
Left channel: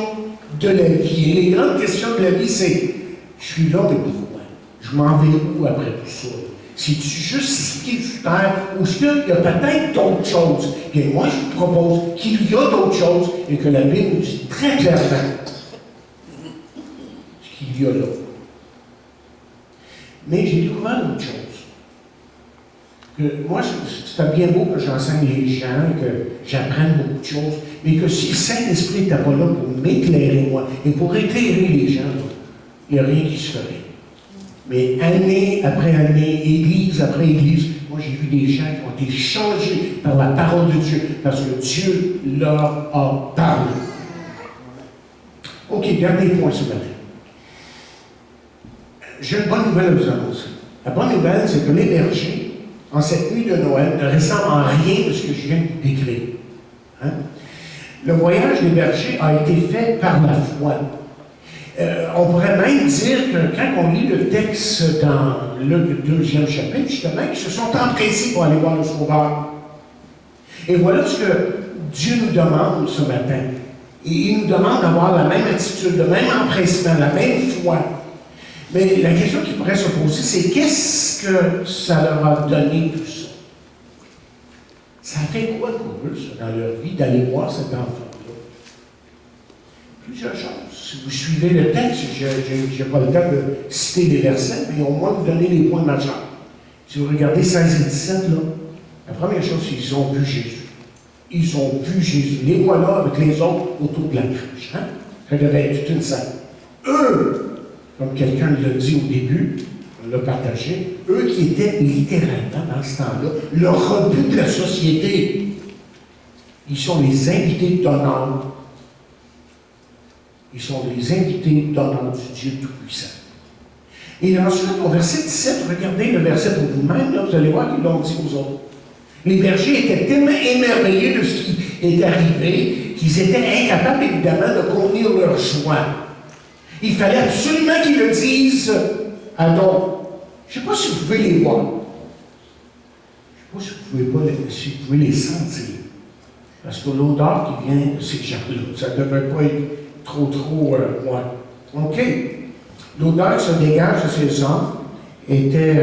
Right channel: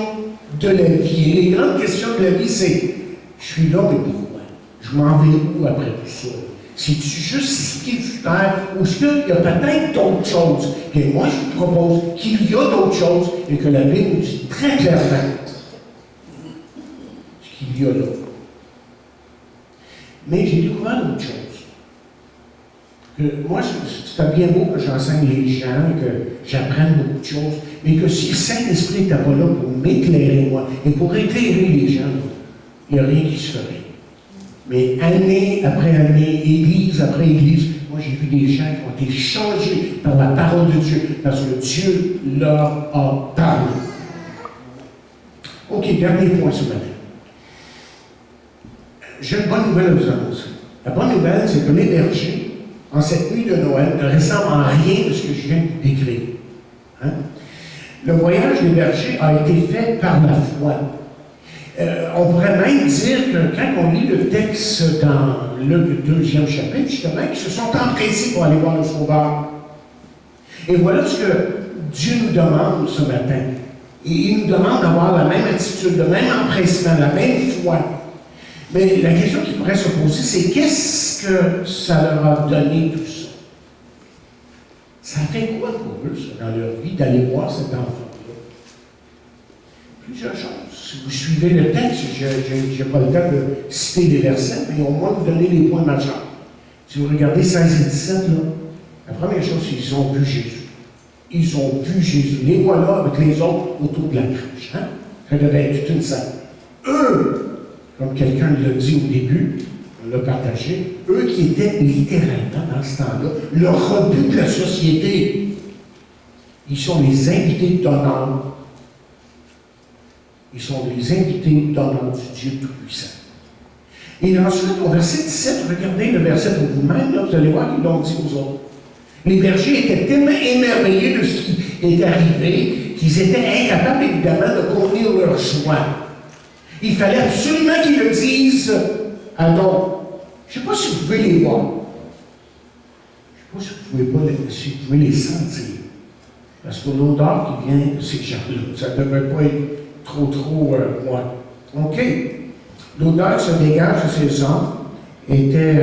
de la vie. Et les grandes questions de la vie, c'est, je suis là, mais pourquoi? Je m'en vais où après tout ça? C'est-tu juste ici sur terre, ou est-ce qu'il y a peut-être d'autres choses? Bien, moi, je vous propose qu'il y a d'autres choses et que la Bible nous dit très clairement ce qu'il y a là. Mais j'ai découvert d'autres choses. Que moi, c'était bien beau que j'enseigne les gens, que j'apprenne beaucoup de choses, mais que si le Saint-Esprit n'était pas là pour m'éclairer, moi, et pour éclairer les gens, il n'y a rien qui se ferait. Mais année après année, église après église, moi j'ai vu des gens qui ont été changés par la parole de Dieu, parce que Dieu leur a parlé. OK, dernier point ce matin. J'ai une bonne nouvelle à vous annoncer. La bonne nouvelle, c'est que les bergers, en cette nuit de Noël, ne ressemblent en rien de ce que je viens de décrire. Hein? Le voyage des bergers a été fait par la foi. On pourrait même dire que quand on lit le texte dans le 2e chapitre, justement, qu'ils se sont empressés pour aller voir le Sauveur. Et voilà ce que Dieu nous demande ce matin. Et il nous demande d'avoir la même attitude, le même empressement, la même foi. Mais la question qui pourrait se poser, c'est qu'est-ce que ça leur a donné tout ça? Ça fait quoi pour eux, ça, dans leur vie, d'aller voir cet enfant-là? Plusieurs choses. Si vous suivez le texte, je n'ai pas le temps de citer les versets, mais au moins vous donner les points majeurs. Si vous regardez 16 et 17, là, la première chose, c'est qu'ils ont vu Jésus. Ils ont vu Jésus. Les voilà avec les autres autour de la cruche. Hein? Ça devait être toute une scène. Eux, comme quelqu'un l'a dit au début, on l'a partagé, eux qui étaient littéralement dans ce temps-là, le rebut de la société, ils sont les invités d'honneur. Ils sont les invités d'honneur du Dieu Tout-Puissant. Et ensuite, au verset 17, regardez le verset pour vous-même, là, vous allez voir qu'ils l'ont dit aux autres. Les bergers étaient tellement émerveillés de ce qui est arrivé qu'ils étaient incapables, évidemment, de contenir leur joie. Il fallait absolument qu'ils le disent à d'autres. Je ne sais pas si vous pouvez les voir. Je ne sais pas si vous pouvez les sentir. Parce que l'odeur qui vient de ces gens-là, ça ne devait pas être trop, moi. OK. L'odeur qui se dégage de ces hommes était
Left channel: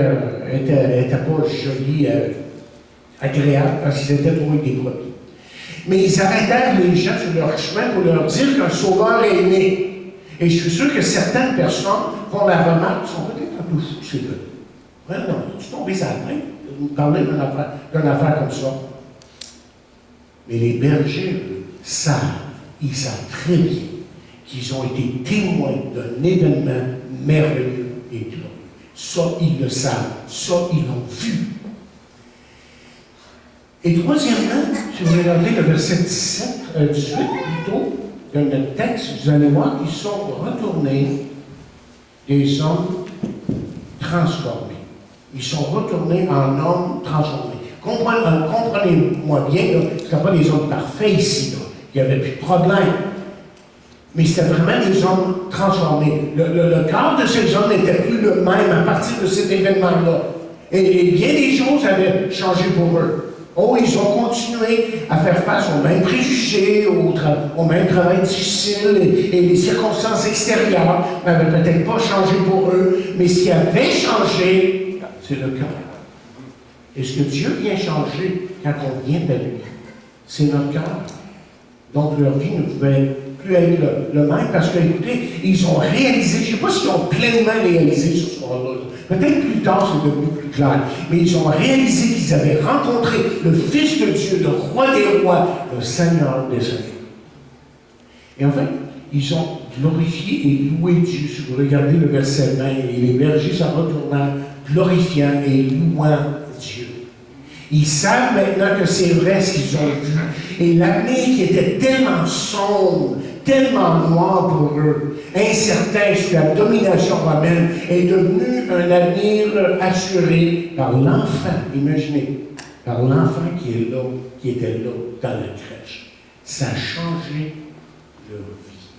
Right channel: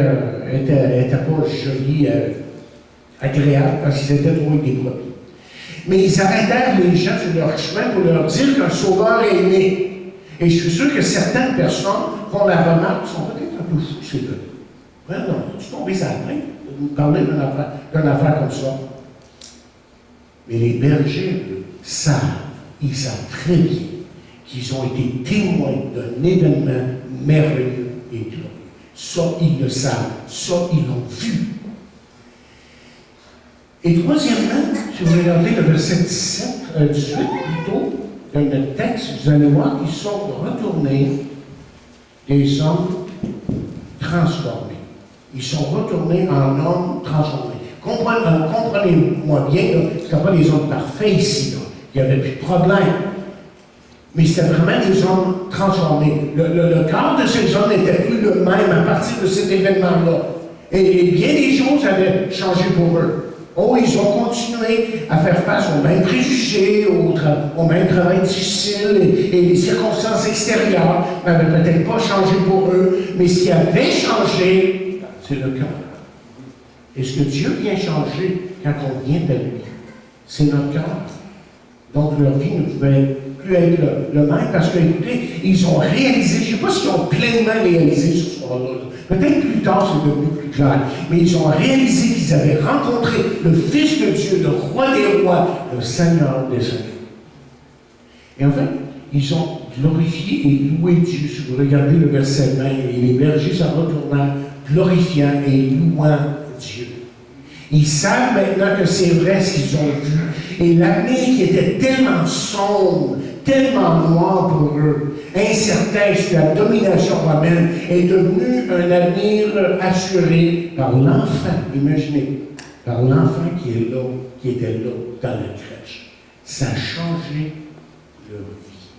pas jolie, agréable, parce qu'ils étaient trop avec des brebis. Mais ils arrêtèrent les gens sur leur chemin pour leur dire qu'un sauveur est né. Et je suis sûr que certaines personnes font la remarque, sont peut-être un peu fous, ces gars. Vraiment, tu tombes à la main de nous parler d'une affaire comme ça. Mais les bergers, eux, ils savent très bien qu'ils ont été témoins d'un événement merveilleux et glorieux. Ça, ils le savent. Ça, ils l'ont vu. Et troisièmement, si vous regardez le verset 18 plutôt, de notre texte, vous allez voir qu'ils sont retournés des hommes transformés. Ils sont retournés en hommes transformés. Comprenez-moi bien, ce ne sont pas des hommes parfaits ici, là. Il n'y avait plus de problème. Mais c'était vraiment des hommes transformés. Le cœur de ces hommes n'était plus le même à partir de cet événement-là. Et bien des choses avaient changé pour eux. Oh, ils ont continué à faire face aux mêmes préjugés, au même travail difficile, et les circonstances extérieures n'avaient peut-être pas changé pour eux, mais ce qui avait changé, c'est le cœur. Et ce que Dieu vient changer quand on vient à lui, c'est notre cœur. Donc leur vie ne pouvait plus être le même, parce que, écoutez, ils ont réalisé, je ne sais pas s'ils ont pleinement réalisé ce soir-là, peut-être plus tard c'est devenu plus clair, mais ils ont réalisé qu'ils avaient rencontré le Fils de Dieu, le Roi des rois, le Seigneur des seigneurs. Et en fait, ils ont glorifié et loué Dieu. Si vous regardez le verset 20, et les bergers s'en retournèrent, glorifiant et louant Dieu. Ils savent maintenant que c'est vrai ce qu'ils ont vu. Et l'avenir qui était tellement sombre, tellement noir pour eux, incertain sur la domination romaine, est devenu un avenir assuré par l'enfant, imaginez, par l'enfant qui était là, dans la crèche. Ça a changé leur vie.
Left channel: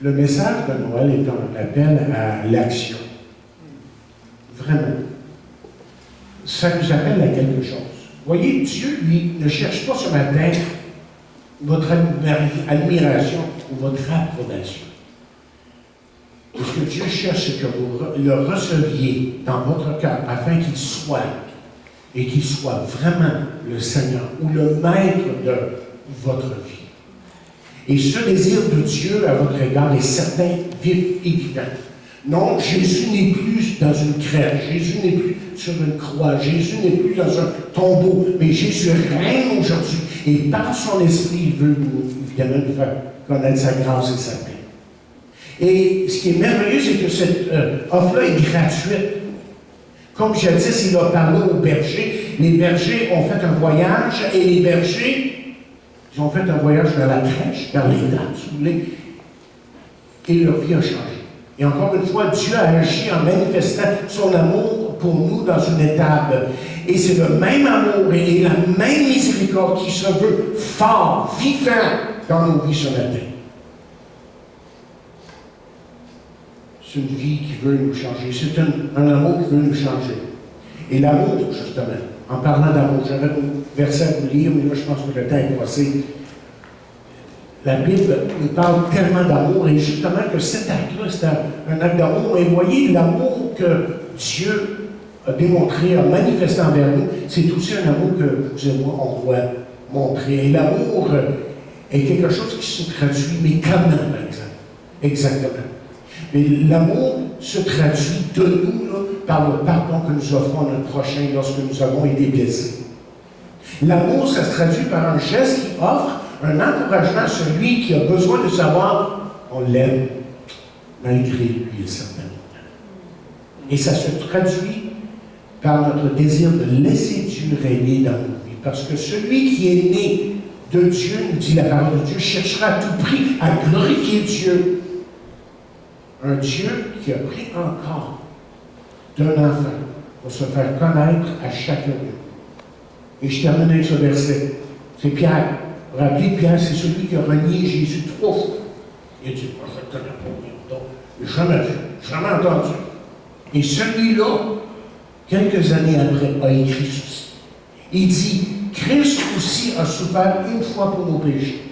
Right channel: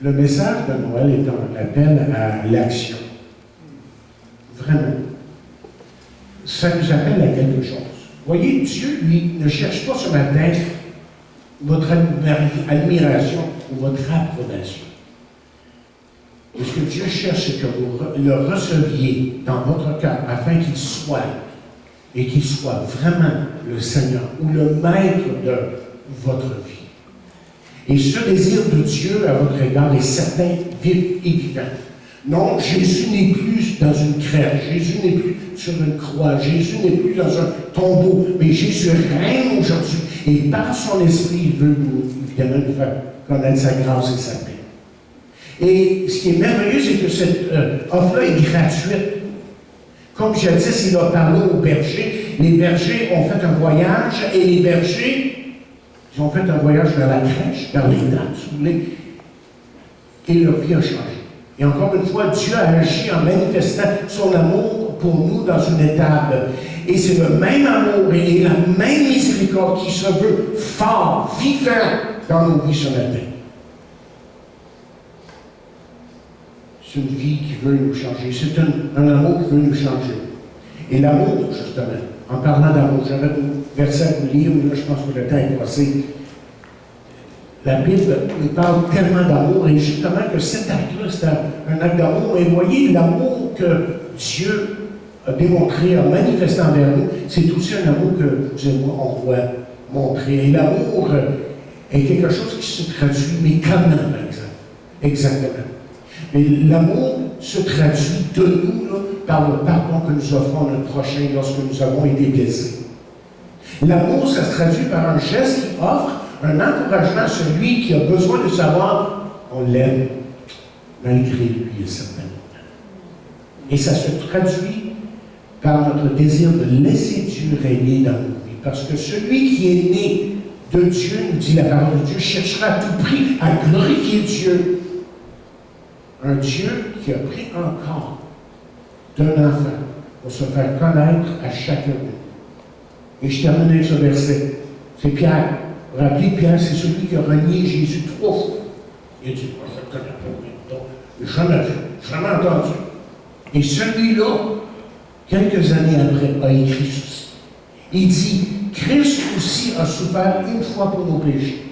Le message de Noël est un appel à l'action. Vraiment. Ça nous appelle à quelque chose. Voyez, Dieu, lui, ne cherche pas ce matin votre admiration ou votre approbation. Ce que Dieu cherche, c'est que vous le receviez dans votre cœur afin qu'il soit, et qu'il soit vraiment le Seigneur ou le maître de votre vie. Et ce désir de Dieu à votre égard est certain, vif et vivant. Non, Jésus n'est plus dans une crèche, Jésus n'est plus sur une croix, Jésus n'est plus dans un tombeau, mais Jésus règne aujourd'hui. Et par son esprit, il veut évidemment nous faire connaître sa grâce et sa paix. Et ce qui est merveilleux, c'est que cette offre-là est gratuite. Comme jadis, il a parlé aux bergers. Les bergers ont fait un voyage, et les bergers, ils ont fait un voyage vers la crèche, vers les dames, si vous voulez, et leur vie a changé. Et encore une fois, Dieu a agi en manifestant son amour pour nous dans une étape. Et c'est le même amour et la même miséricorde qui se veut fort, vivant dans nos vies ce matin. C'est une vie qui veut nous changer. C'est un amour qui veut nous changer. Et l'amour, justement, en parlant d'amour, j'aurais un verset à vous lire, mais là, je pense que le temps est passé. La Bible nous parle tellement d'amour, et justement que cet acte-là, c'est un acte d'amour. Et voyez, l'amour que Dieu a démontré, a manifesté envers nous, c'est aussi un amour que vous et moi, on doit montrer. Et l'amour est quelque chose qui se traduit, mais comment, par exemple? Exactement. Mais l'amour se traduit de nous là, par le pardon que nous offrons à notre prochain lorsque nous avons été blessés. L'amour, ça se traduit par un geste qui offre un encouragement à celui qui a besoin de savoir qu'on l'aime, malgré lui, à certains moments. Et ça se traduit par notre désir de laisser Dieu régner dans nos vies. Parce que celui qui est né de Dieu, nous dit la parole de Dieu, cherchera à tout prix à glorifier Dieu. Un Dieu qui a pris encore d'un enfant pour se faire connaître à chacun d'eux. Et je termine avec ce verset. C'est Pierre. Vous vous rappelez, Pierre, c'est celui qui a renié Jésus 3 fois. Il a dit, moi, je ne connais pas, donc, jamais vu, jamais entendu. Et celui-là, quelques années après, a écrit ceci. Il dit, Christ aussi a souffert une fois pour nos péchés.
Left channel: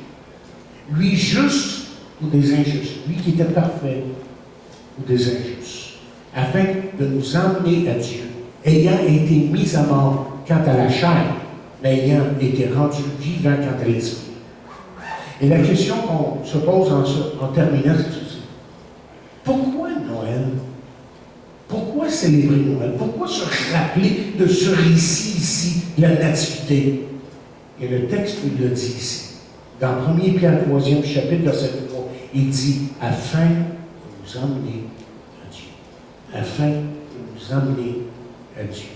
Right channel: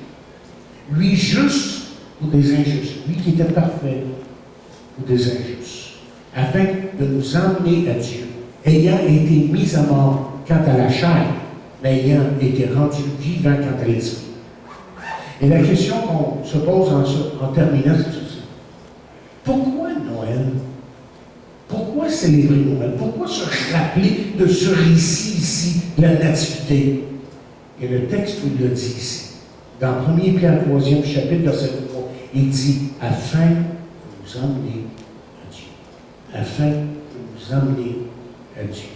Lui juste ou des injustes. Lui qui était parfait ou des injustes. Afin de nous emmener à Dieu, ayant été mis à mort quant à la chair, mais ayant été rendu vivant quant à l'esprit. Et la question qu'on se pose en terminant, c'est ceci. Pourquoi Noël? Pourquoi célébrer Noël? Pourquoi se rappeler de ce récit ici, la nativité? Et le texte nous le dit ici. Dans 1 Pierre 3e chapitre, verset 3, il dit « afin de nous emmener à Dieu. » Afin de nous emmener à Dieu.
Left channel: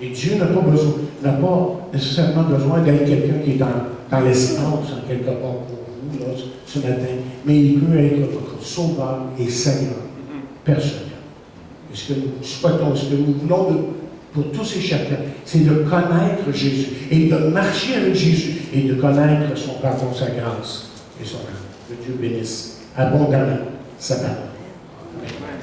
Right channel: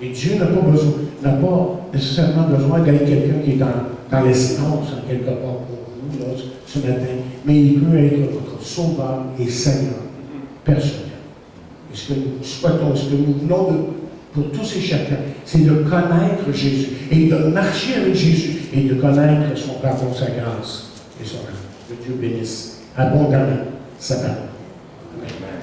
Et Dieu n'a pas nécessairement besoin d'être quelqu'un qui est dans l'espace, en quelque part pour vous, là, ce matin, mais il peut être votre sauveur et Seigneur personnel. Et ce que nous souhaitons, ce que nous voulons pour tous et chacun, c'est de connaître Jésus et de marcher avec Jésus et de connaître son pardon, sa grâce et son amour. Que Dieu bénisse abondamment sa parole. Amen.